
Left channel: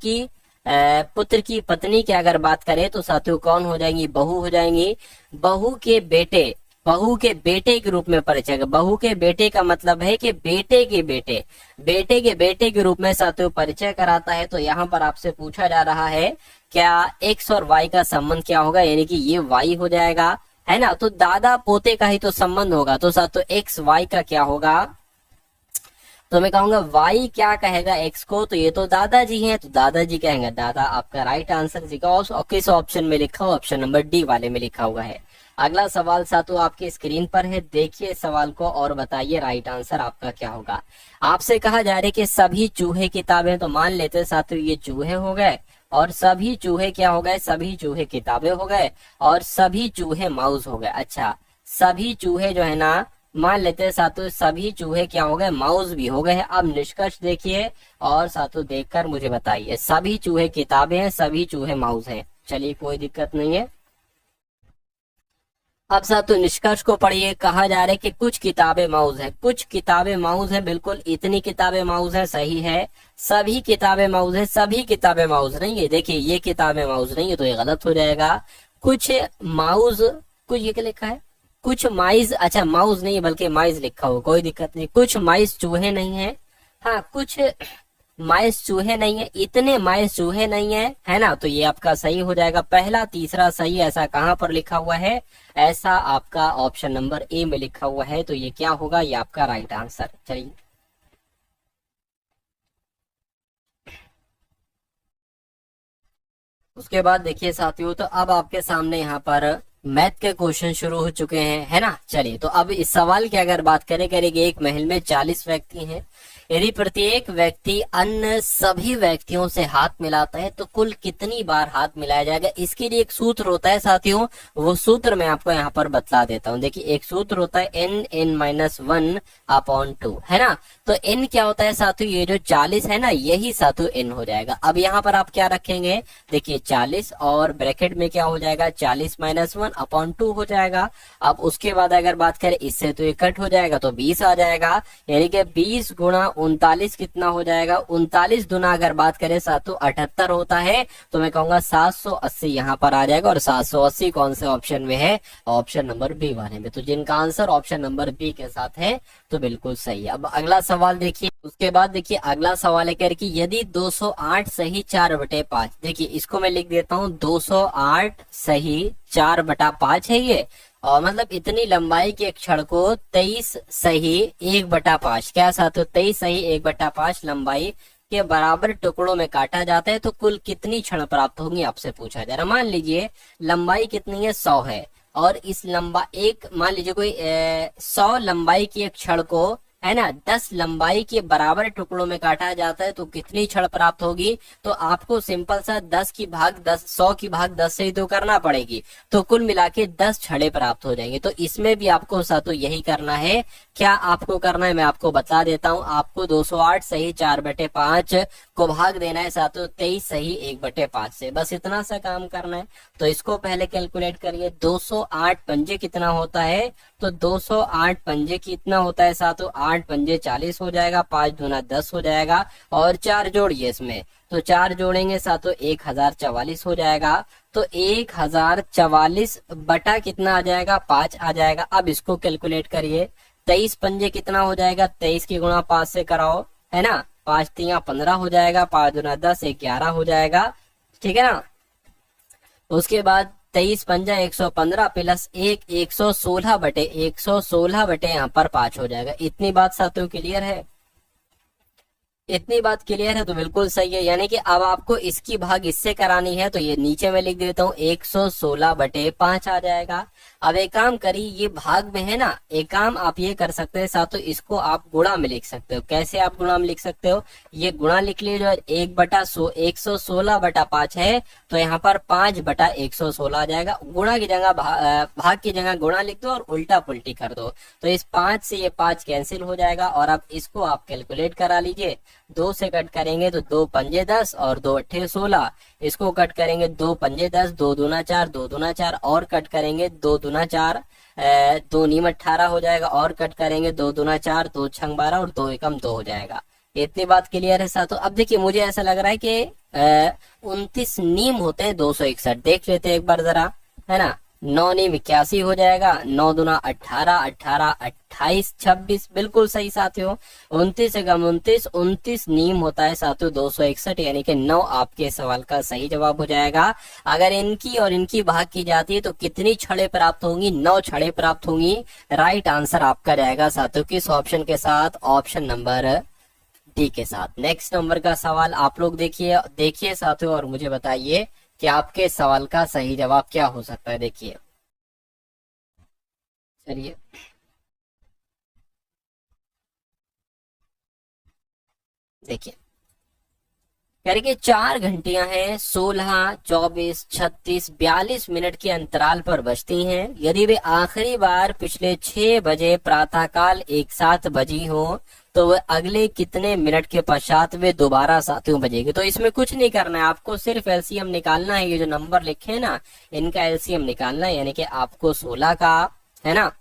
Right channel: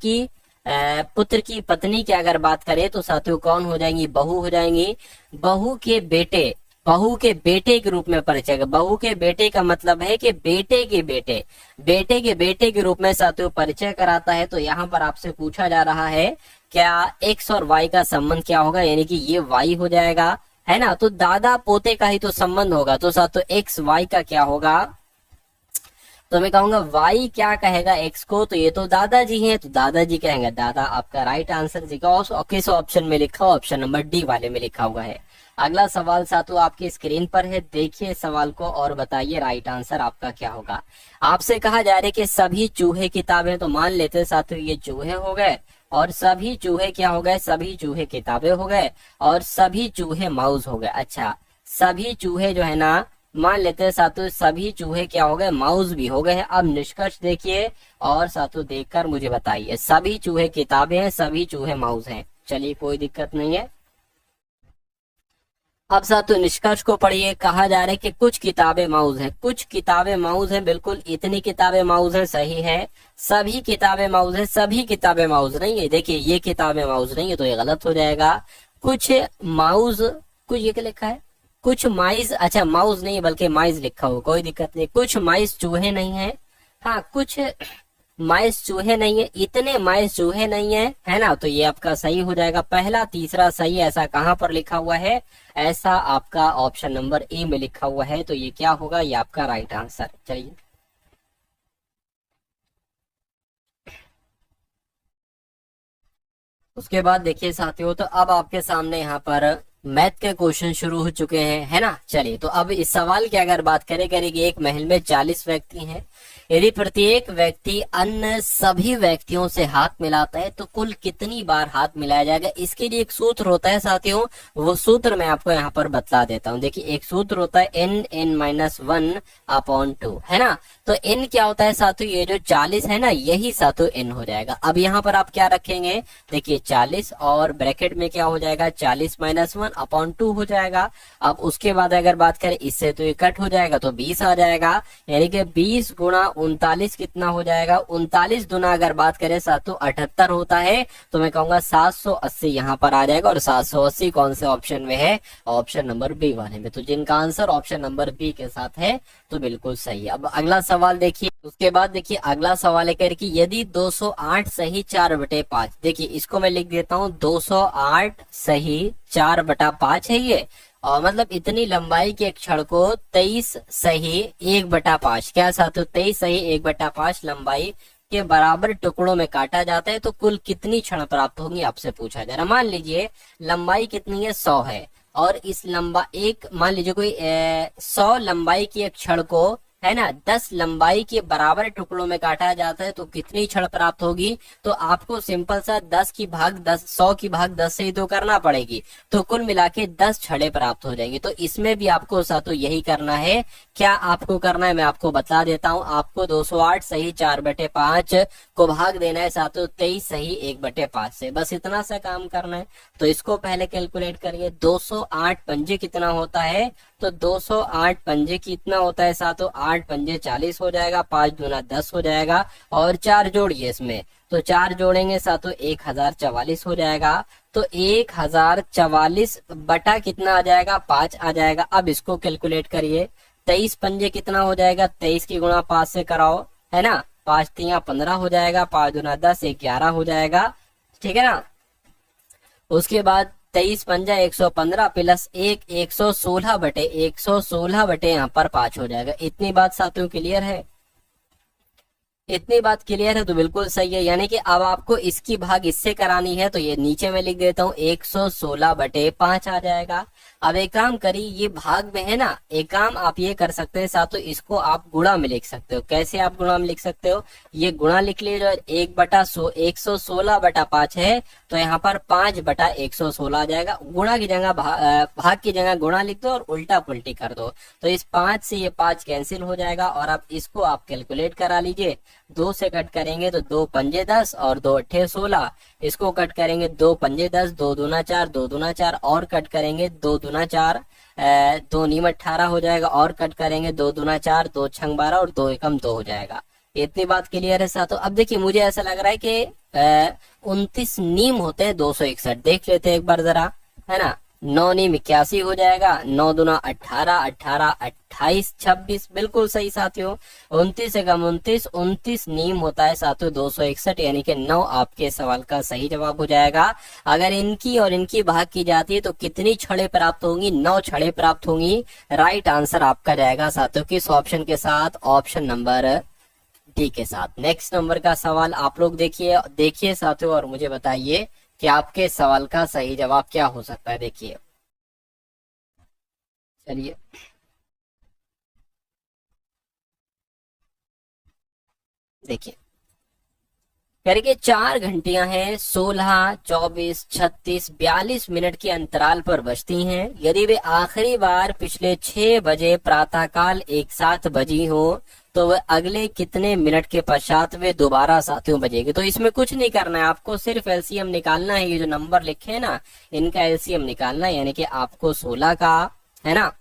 की पत्नी की अगर बात करें तो साथियों कौन हो जाएंगी, बहू हो जाएंगी। बहू के बेटे, बहू के बेटे के रूप में परिचय। बहू के बेटे का मतलब है कि बेटे के बेटे, बेटे के बेटे के रूप में साथियों परिचय कराता है। तो यहाँ पर आपसे पूछा जा रहा है क्या एक्स और वाई का संबंध क्या होगा, यानी कि ये वाई हो जाएगा, है ना। तो दादा पोते का ही तो संबंध होगा, तो साथियों एक्स वाई का क्या होगा, तो मैं कहूंगा वाई क्या कहेगा एक्स को, तो ये तो दादाजी हैं, तो दादाजी कहेंगे दादा। आपका राइट आंसर दिखाओ किस ऑप्शन में लिखा हो, ऑप्शन नंबर डी वाले में लिखा हुआ है। अगला सवाल साथियों आपकी स्क्रीन पर है, देखिए सवाल को और बताइए राइट आंसर आपका क्या होगा। आपसे कहा जा रहा है कि सभी चूहे किताबें, तो मान लेते साथियों ये चूहे हो गए और सभी चूहे क्या हो गए, सभी चूहे किताबें हो गए और सभी चूहे माउस हो गए। अच्छा, सभी चूहे जो है ना, मान लेते हैं साथियों सभी चूहे क्या हो गए, माउस भी हो गए हैं। अब निष्कर्ष देखिए और साथियों देखकर मुझे बताइए, सभी चूहे किताबें हैं, सभी चूहे माउस हैं। चलिए कोई दिक्कत नहीं है। अब साथियों निष्कर्ष को पढ़िए, कहा जा रहा है कि कुछ किताबें माउस है, कुछ किताबें माउस है, बिल्कुल इतनी किताबें माउस है, सही है। सभी किताबें माउस है, सभी किताबें माउस नहीं है, देखिए ये किताबें माउस नहीं है तो ये गलत हो जाएगा। कुछ माउस, कुछ ये क्या लिखा है, कुछ माइस, अच्छा माउस नहीं बल्कि माइस लिखा हो, कोई दिक्कत नहीं। कुछ माइस चूहे नहीं है, हाँ कुछ माइस चूहे नहीं है, इतने माइस चूहे नहीं है, है ना। तो ये आपका सही हो जाएगा, पहला तीसरा सही। ऐसा कहाँ पर लिखा हुआ है, ऐसा आपका ऑप्शन नंबर ए में लिखा हुआ है, तो ये क्या होगा, ये आपका राइट आंसर। चलिए उसके बाद देखिए साथियों, तो अब आपके सामने यहाँ पर मैथ के क्वेश्चन शुरू हो चुके हैं, है ना। चलिए तो अब इस सवाल की अगर बात करेंगे, एक महल में 40 व्यक्ति हैं, यदि प्रत्येक व्यक्ति अन्य सभी व्यक्तियों से हाथ मिलाता है तो कुल कितनी बार हाथ मिलाया जाएगा। इसके लिए एक सूत्र होता है साथियों, वो सूत्र मैं आपको यहाँ पर बतला देता हूँ। देखिए एक सूत्र होता है n(n-1)/2, है ना। तो n क्या होता है साथियों, ये जो 40 है ना, यही साथियों n हो जाएगा। अब यहाँ पर आप क्या रखेंगे, देखिए 40 और ब्रैकेट में क्या हो जाएगा, 40-1/2 हो जाएगा। अब उसके बाद अगर बात करें इससे तो ये कट हो जाएगा तो 20 आ जाएगा, यानी कि 20 गुणा 39 कितना हो जाएगा, 39 गुना अगर बात करें साथियों 78 होता है, तो मैं कहूंगा 780 यहाँ पर आ जाएगा। और 780 कौन से ऑप्शन में है, ऑप्शन नंबर बी वाले में। तो जिनका आंसर ऑप्शन नंबर बी के साथ है तो बिल्कुल सही है। अब अगला सवाल देखिए, उसके बाद देखिए अगला सवाल है कह कि यदि 208 सही 4/5, देखिए इसको मैं लिख देता हूँ, 208 सही 4/5 है ये, और मतलब इतनी लंबाई के अक्षर को 23 सही 1/5, क्या साथ 23 सही 1/5 लंबाई के बराबर टुकड़ों में काटा जाता है तो कुल कितनी क्षण प्राप्त होंगी, आपसे पूछा जा रहा है। मान लीजिए लंबाई कितनी है, 100 है, और इस मान लीजिए कोई 100 लंबाई की एक क्षण को, है ना, 10 लंबाई के बराबर टुकड़ों में काटा जाता है तो कितनी क्षण प्राप्त होगी। तो आपको सिंपल सा 10 की भाग 10, 100 की भाग 10 से ही तो करना पड़ेगी, तो कुल मिला के 10 क्षणें प्राप्त हो जाएंगी। तो इसमें भी आपको साथों यही करना है। क्या आपको करना है मैं आपको बता देता हूँ, आपको 208 सही 4/5 को भाग देना है साथों 23 सही 1/5 से, बस इतना सा काम करना है। तो इसको पहले कैलकुलेट करिए, 208 पंजे कितना होता है, तो 208 पंजे कितना होता है साथों, 8 पंजे 40 हो जाएगा, 5 दूना 10 हो जाएगा, और 4 जोड़िए इसमें, तो 4 जोड़ेंगे साथों 1044 हो जाएगा। तो 1044 बटा कितना आ जाएगा, 5 आ जाएगा। अब इसको कैलकुलेट करिए, 23 पंजे कितना हो जाएगा, 23 की गुणा 5 से कराओ, है ना, 5 3 15 हो जाएगा, 5 दूना 10 11 हो जाएगा, ठीक है ना। उसके बाद 23 पंजा 115 प्लस 116/116 यहाँ पर 5 हो जाएगा। इतनी बात साथियों क्लियर है, इतनी बात क्लियर है तो बिल्कुल सही है। यानी कि अब आपको इसकी भाग इससे करानी है, तो ये नीचे मैं लिख देता हूँ 116/5 आ जाएगा। अब एक काम करिए, ये भाग में है ना, एक काम आप ये कर सकते हैं साथों, इसको आप गुणा में लिख सकते हो। कैसे आप गुणा में लिख सकते हो, ये गुणा लिख लीजिए, 1/116/5 है तो यहाँ पर 5/116 आ जाएगा। गुणा की जगह भाग की जगह गुणा लिख दो और उल्टा पुल्टी कर दो, तो इस 5 से ये 5 कैंसिल हो जाएगा। और अब इसको आप कैलकुलेट करा लीजिए, 2 से कट करेंगे तो 2 पंजे 10 और 2 अट्ठे 16, इसको कट करेंगे 2 पंजे 10, 2 दूना 4, 2 दूना 4 और कट करेंगे 2 दूना 4, 2 नीम 18 हो जाएगा, और कट करेंगे 2 दूना 4, 2 छंग 12 और 2 एकम 2 हो जाएगा। इतनी बात क्लियर है साथों। अब देखिए मुझे ऐसा लग रहा है कि 29 नीम होते हैं 261, देख लेते हैं एक बार जरा, है ना। 9 नीम 81 हो जाएगा, 9 दूना 18, 18 28 26, बिल्कुल सही साथियों। 29 एकम 29, 29 नीम होता है साथियों 261, यानी कि 9 आपके सवाल का सही जवाब हो जाएगा। अगर इनकी और इनकी भाग की जाती है तो कितनी छड़े प्राप्त होंगी? 9 छड़े प्राप्त होंगी। राइट आंसर आपका रहेगा साथियों किस ऑप्शन के साथ? ऑप्शन नंबर डी के साथ। नेक्स्ट नंबर का सवाल आप लोग देखिए देखिए साथियों और मुझे बताइए कि आपके सवाल का सही जवाब क्या हो सकता है। देखिए चलिए देखिए करिए 4 घंटियां हैं 16, 24, 36, 42 मिनट के अंतराल पर बजती हैं। यदि वे आखिरी बार पिछले 6 बजे प्रातःकाल एक साथ बजी हो तो वे अगले कितने मिनट के पश्चात वे दोबारा साथियों बजेगी? तो इसमें कुछ नहीं करना है, आपको सिर्फ एलसीएम निकालना है। ये जो नंबर लिखे हैं ना, इनका एलसीएम निकालना है, यानी कि आपको 16 का, है ना,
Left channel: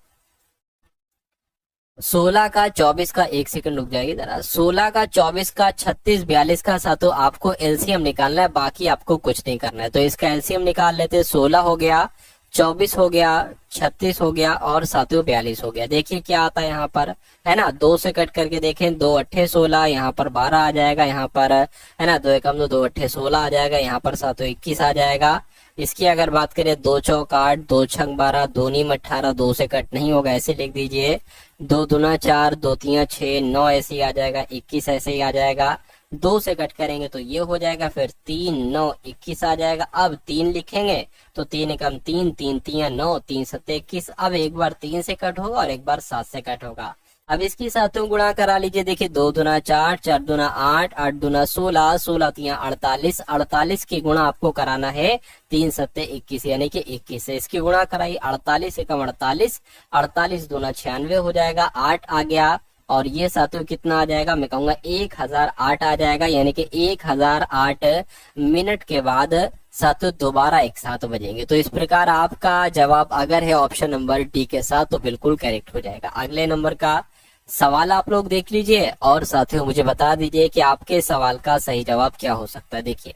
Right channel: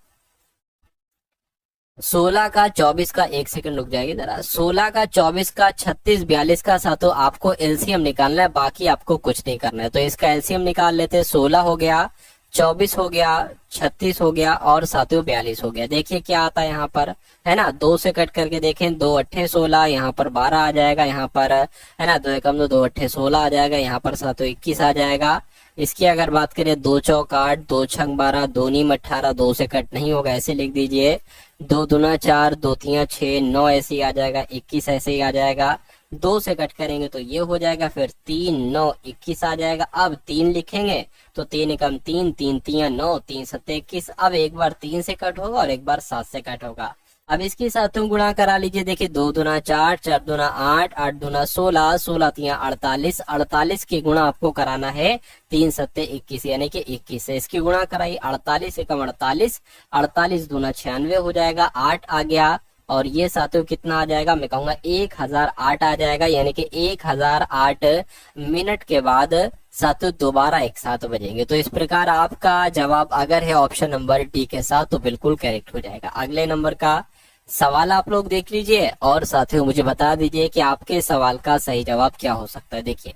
16 का 24 का, एक सेकंड रुक जाएगी जरा, 16 का 24 का 36 42 का साथियों आपको एलसीएम निकालना है, बाकी आपको कुछ नहीं करना है। तो इसका एलसीएम निकाल लेते हैं। 16 हो गया, 24 हो गया, 36 हो गया और साथियों 42 हो गया। देखिए क्या आता है यहाँ पर, है ना, 2 से कट करके देखें, 2 अट्ठे 16, यहाँ पर 12 आ जाएगा, यहाँ पर है ना 2 एकम 2, 2 अट्ठे 16 आ जाएगा, यहाँ पर साथियों 21 आ जाएगा। इसकी अगर बात करें 2 चौक 8, 2 छंग 12, 2 नीम 18, 2 से कट नहीं होगा, ऐसे लिख दीजिए। 2 दूना 4, 2 तिया 6, 9 ऐसे ही आ जाएगा, 21 ऐसे ही आ जाएगा। 2 से कट करेंगे तो ये हो जाएगा, फिर 3 9 21 आ जाएगा। अब 3 लिखेंगे तो 3 एकम 3, 3 तिया 9, 3 सत्ते 21। अब एक बार 3 से कट होगा और एक बार 7 से कट होगा। अब इसके साथों गुणा करा लीजिए। देखिए 2 दूना 4, 4 दूना 8, 8 दूना 16, 16 तिया 48, 48 की गुणा आपको कराना है 3 सत्ते 21, यानी कि 21 से इसकी गुणा कराई। 48 एकम 48, 48 दूना 96 हो जाएगा, 8 आ गया और ये साथियों कितना आ जाएगा? मैं कहूंगा 1008 आ जाएगा, यानी कि 1008 मिनट के बाद साथियों दोबारा एक साथ बजेंगे। तो इस प्रकार आपका जवाब अगर है ऑप्शन नंबर डी के साथ तो बिल्कुल करेक्ट हो जाएगा। अगले नंबर का सवाल आप लोग देख लीजिए और साथियों मुझे बता दीजिए कि आपके सवाल का सही जवाब क्या हो सकता है। देखिए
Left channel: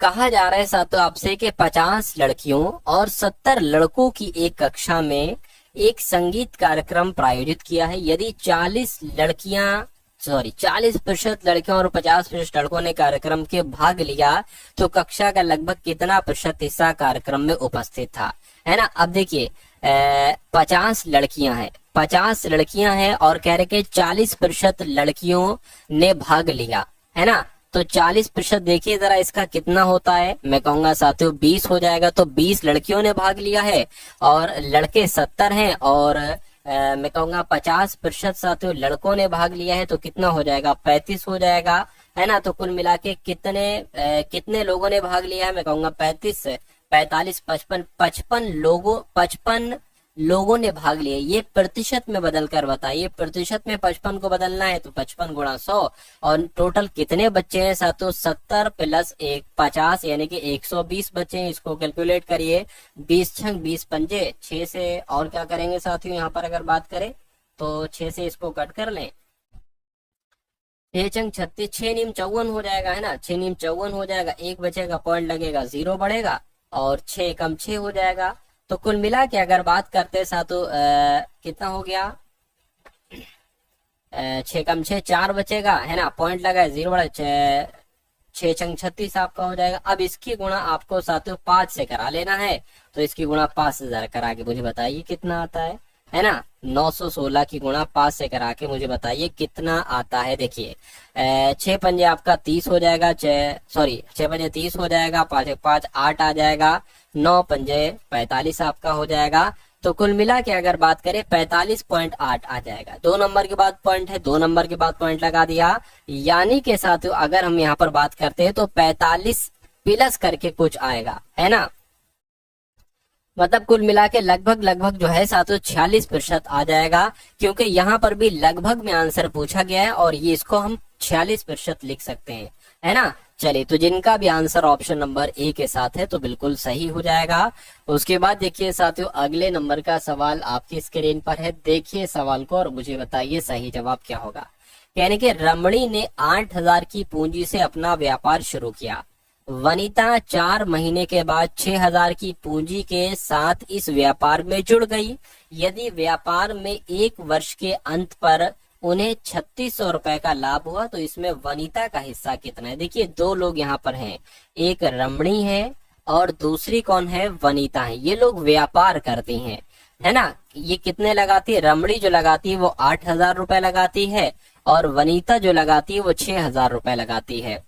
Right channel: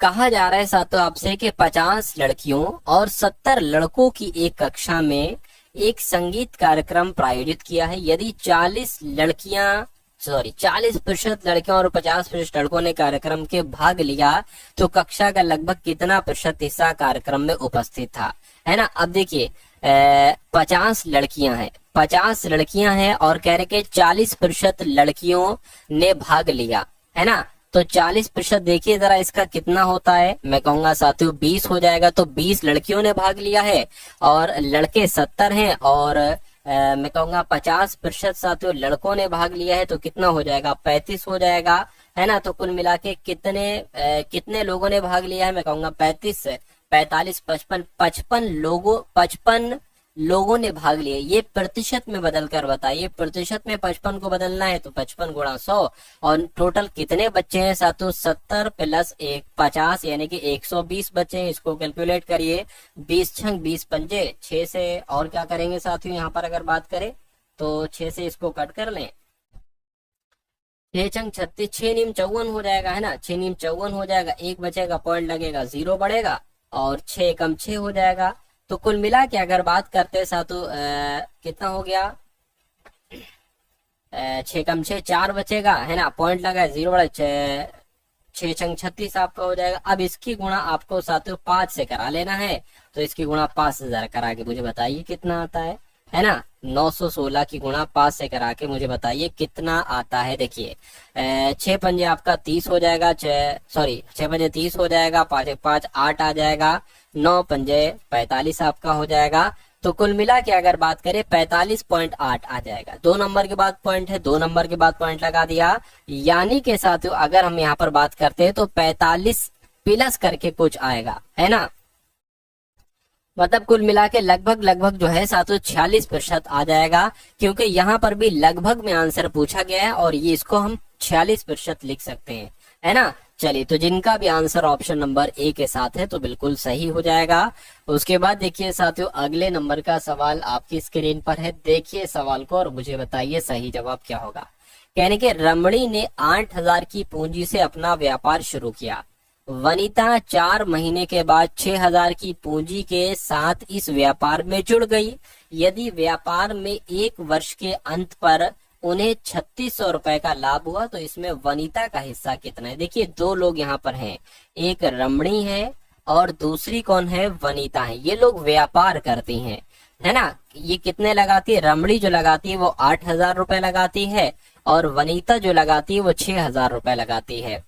कहा जा रहा है साथियों आपसे कि 50 लड़कियों और 70 लड़कों की एक कक्षा में एक संगीत कार्यक्रम प्रायोजित किया है। यदि 40% लड़कियों और 50% लड़कों ने कार्यक्रम के भाग लिया तो कक्षा का लगभग कितना प्रतिशत हिस्सा कार्यक्रम में उपस्थित था? है ना। अब देखिए 50 लड़कियां हैं, 50 लड़कियां हैं और कह रहे कि 40% लड़कियों ने भाग लिया, है ना। तो 40% देखिए जरा इसका कितना होता है। मैं कहूंगा साथियों 20 हो जाएगा। तो 20 लड़कियों ने भाग लिया है और लड़के 70 हैं और मैं कहूंगा 50% साथियों लड़कों ने भाग लिया है तो कितना हो जाएगा? 35 हो जाएगा, है ना। तो कुल मिला के कितने लोगों ने भाग लिया है? मैं कहूंगा 35, 45, 55, 55 लोगों ने भाग लिया। ये प्रतिशत में बदल कर बताइए। प्रतिशत में 55 को बदलना है तो 55 गुणा 100 और टोटल कितने बच्चे हैं साथियों? 70 प्लस 1 50, यानी कि 120 बच्चे हैं। इसको कैलकुलेट करिए। 20 छंग 20 पंजे 6 से और क्या करेंगे साथियों यहाँ पर अगर बात करें तो 6 से इसको कट कर लें। 6 छंग 36, 6 नीम 54 हो जाएगा, है ना। 6 नीम 54 हो जाएगा, एक बचेगा, पॉइंट लगेगा, 0 बढ़ेगा और 6 कम 6 हो जाएगा। तो कुल मिला के अगर बात करते हैं साथियों कितना हो गया? 6 कम 6 4 बचेगा, है ना। पॉइंट लगा है, 0 बढ़ा, 6 छंग 36 आपका हो जाएगा। अब इसकी गुणा आपको साथियों 5 से करा लेना है। तो इसकी गुणा 5000 करा के मुझे बताइए कितना आता है ना। 916 की गुणा 5 से करा के मुझे बताइए कितना आता है। देखिए 6 पंजे आपका 30 हो जाएगा, 6 पंजे 30 हो जाएगा, 5 एक 5 8 आ जाएगा, 9 पंजे 45 आपका हो जाएगा। तो कुल मिला के अगर बात करें 45.8 आ जाएगा। 2 नंबर के बाद पॉइंट है, 2 नंबर के बाद पॉइंट लगा दिया, यानी के साथियों अगर हम यहाँ पर बात करते हैं तो 45 प्लस करके कुछ आएगा, है ना। मतलब कुल मिला के लगभग जो है साथियों 46% आ जाएगा, क्योंकि यहाँ पर भी लगभग में आंसर पूछा गया है और ये इसको हम 46% लिख सकते हैं, है ना। चलिए तो जिनका भी आंसर ऑप्शन नंबर ए के साथ है तो बिल्कुल सही हो जाएगा। उसके बाद देखिए साथियों अगले नंबर का सवाल आपकी स्क्रीन पर है। देखिए सवाल को और मुझे बताइए सही जवाब क्या होगा। यानी कि रमणी ने 8000 की पूंजी से अपना व्यापार शुरू किया। वनिता 4 महीने के बाद 6,000 की पूंजी के साथ इस व्यापार में जुड़ गई। यदि व्यापार में 1 वर्ष के अंत पर उन्हें 3600 रुपए का लाभ हुआ तो इसमें वनिता का हिस्सा कितना है। देखिए 2 लोग यहाँ पर हैं, एक रमणी है और दूसरी कौन है, वनिता है। ये लोग व्यापार करती हैं, है ना। ये कितने लगाती है, रमणी जो लगाती है वो 8,000 रुपए लगाती है और वनिता जो लगाती है वो 6,000 रुपए लगाती है।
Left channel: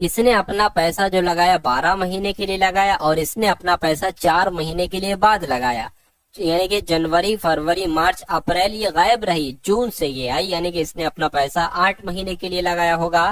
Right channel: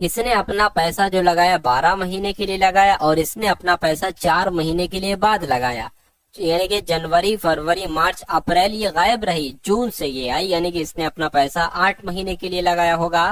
इसने अपना पैसा जो लगाया 12 महीने के लिए लगाया और इसने अपना पैसा 4 महीने के लिए बाद लगाया। यानी कि जनवरी, फरवरी, मार्च, अप्रैल ये गायब रही, जून से ये आई, यानी कि इसने अपना पैसा 8 महीने के लिए लगाया होगा।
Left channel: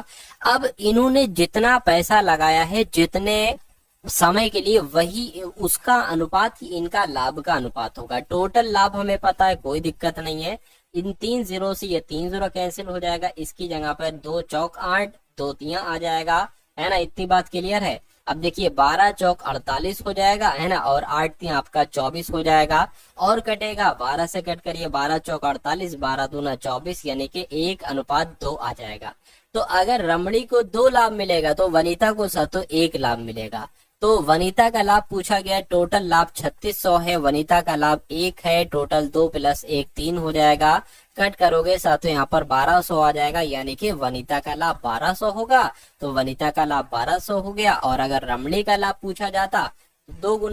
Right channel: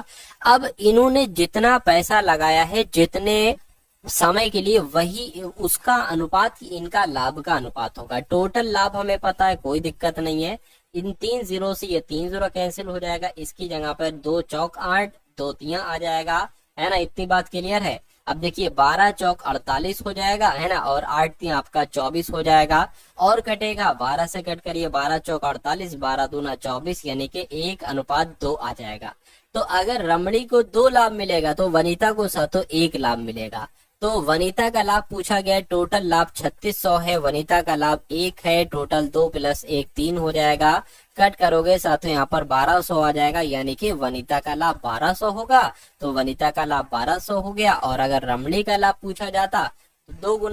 अब इन्होंने जितना पैसा लगाया है, जितने समय के लिए, वही उसका अनुपात ही इनका लाभ का अनुपात होगा। टोटल लाभ हमें पता है, कोई दिक्कत नहीं है। इन 3 जीरो से ये 3 जीरो कैंसिल हो जाएगा, इसकी जगह पर 2 चौक 8, 2 तिया आ जाएगा, है ना। इतनी बात क्लियर है। अब देखिए 12 चौक 48 हो जाएगा, है ना, और 8 तिया आपका 24 हो जाएगा और कटेगा 12 से कट करिए, 12 चौक 48, 12 दूना 24, यानी कि 1:2 आ जाएगा। तो अगर रमणी को 2 लाभ मिलेगा तो वनिता को साथों 1 लाभ मिलेगा। तो वनिता का लाभ पूछा गया, टोटल लाभ 3600 है, वनिता का लाभ 1 है, टोटल 2 + 1 3 हो जाएगा। कट करोगे साथों यहाँ पर 1200 आ जाएगा, यानी कि वनिता का लाभ 1200 होगा। तो वनिता का लाभ 1200 हो गया। और अगर रमणी का लाभ पूछा जाता तो 2 गुना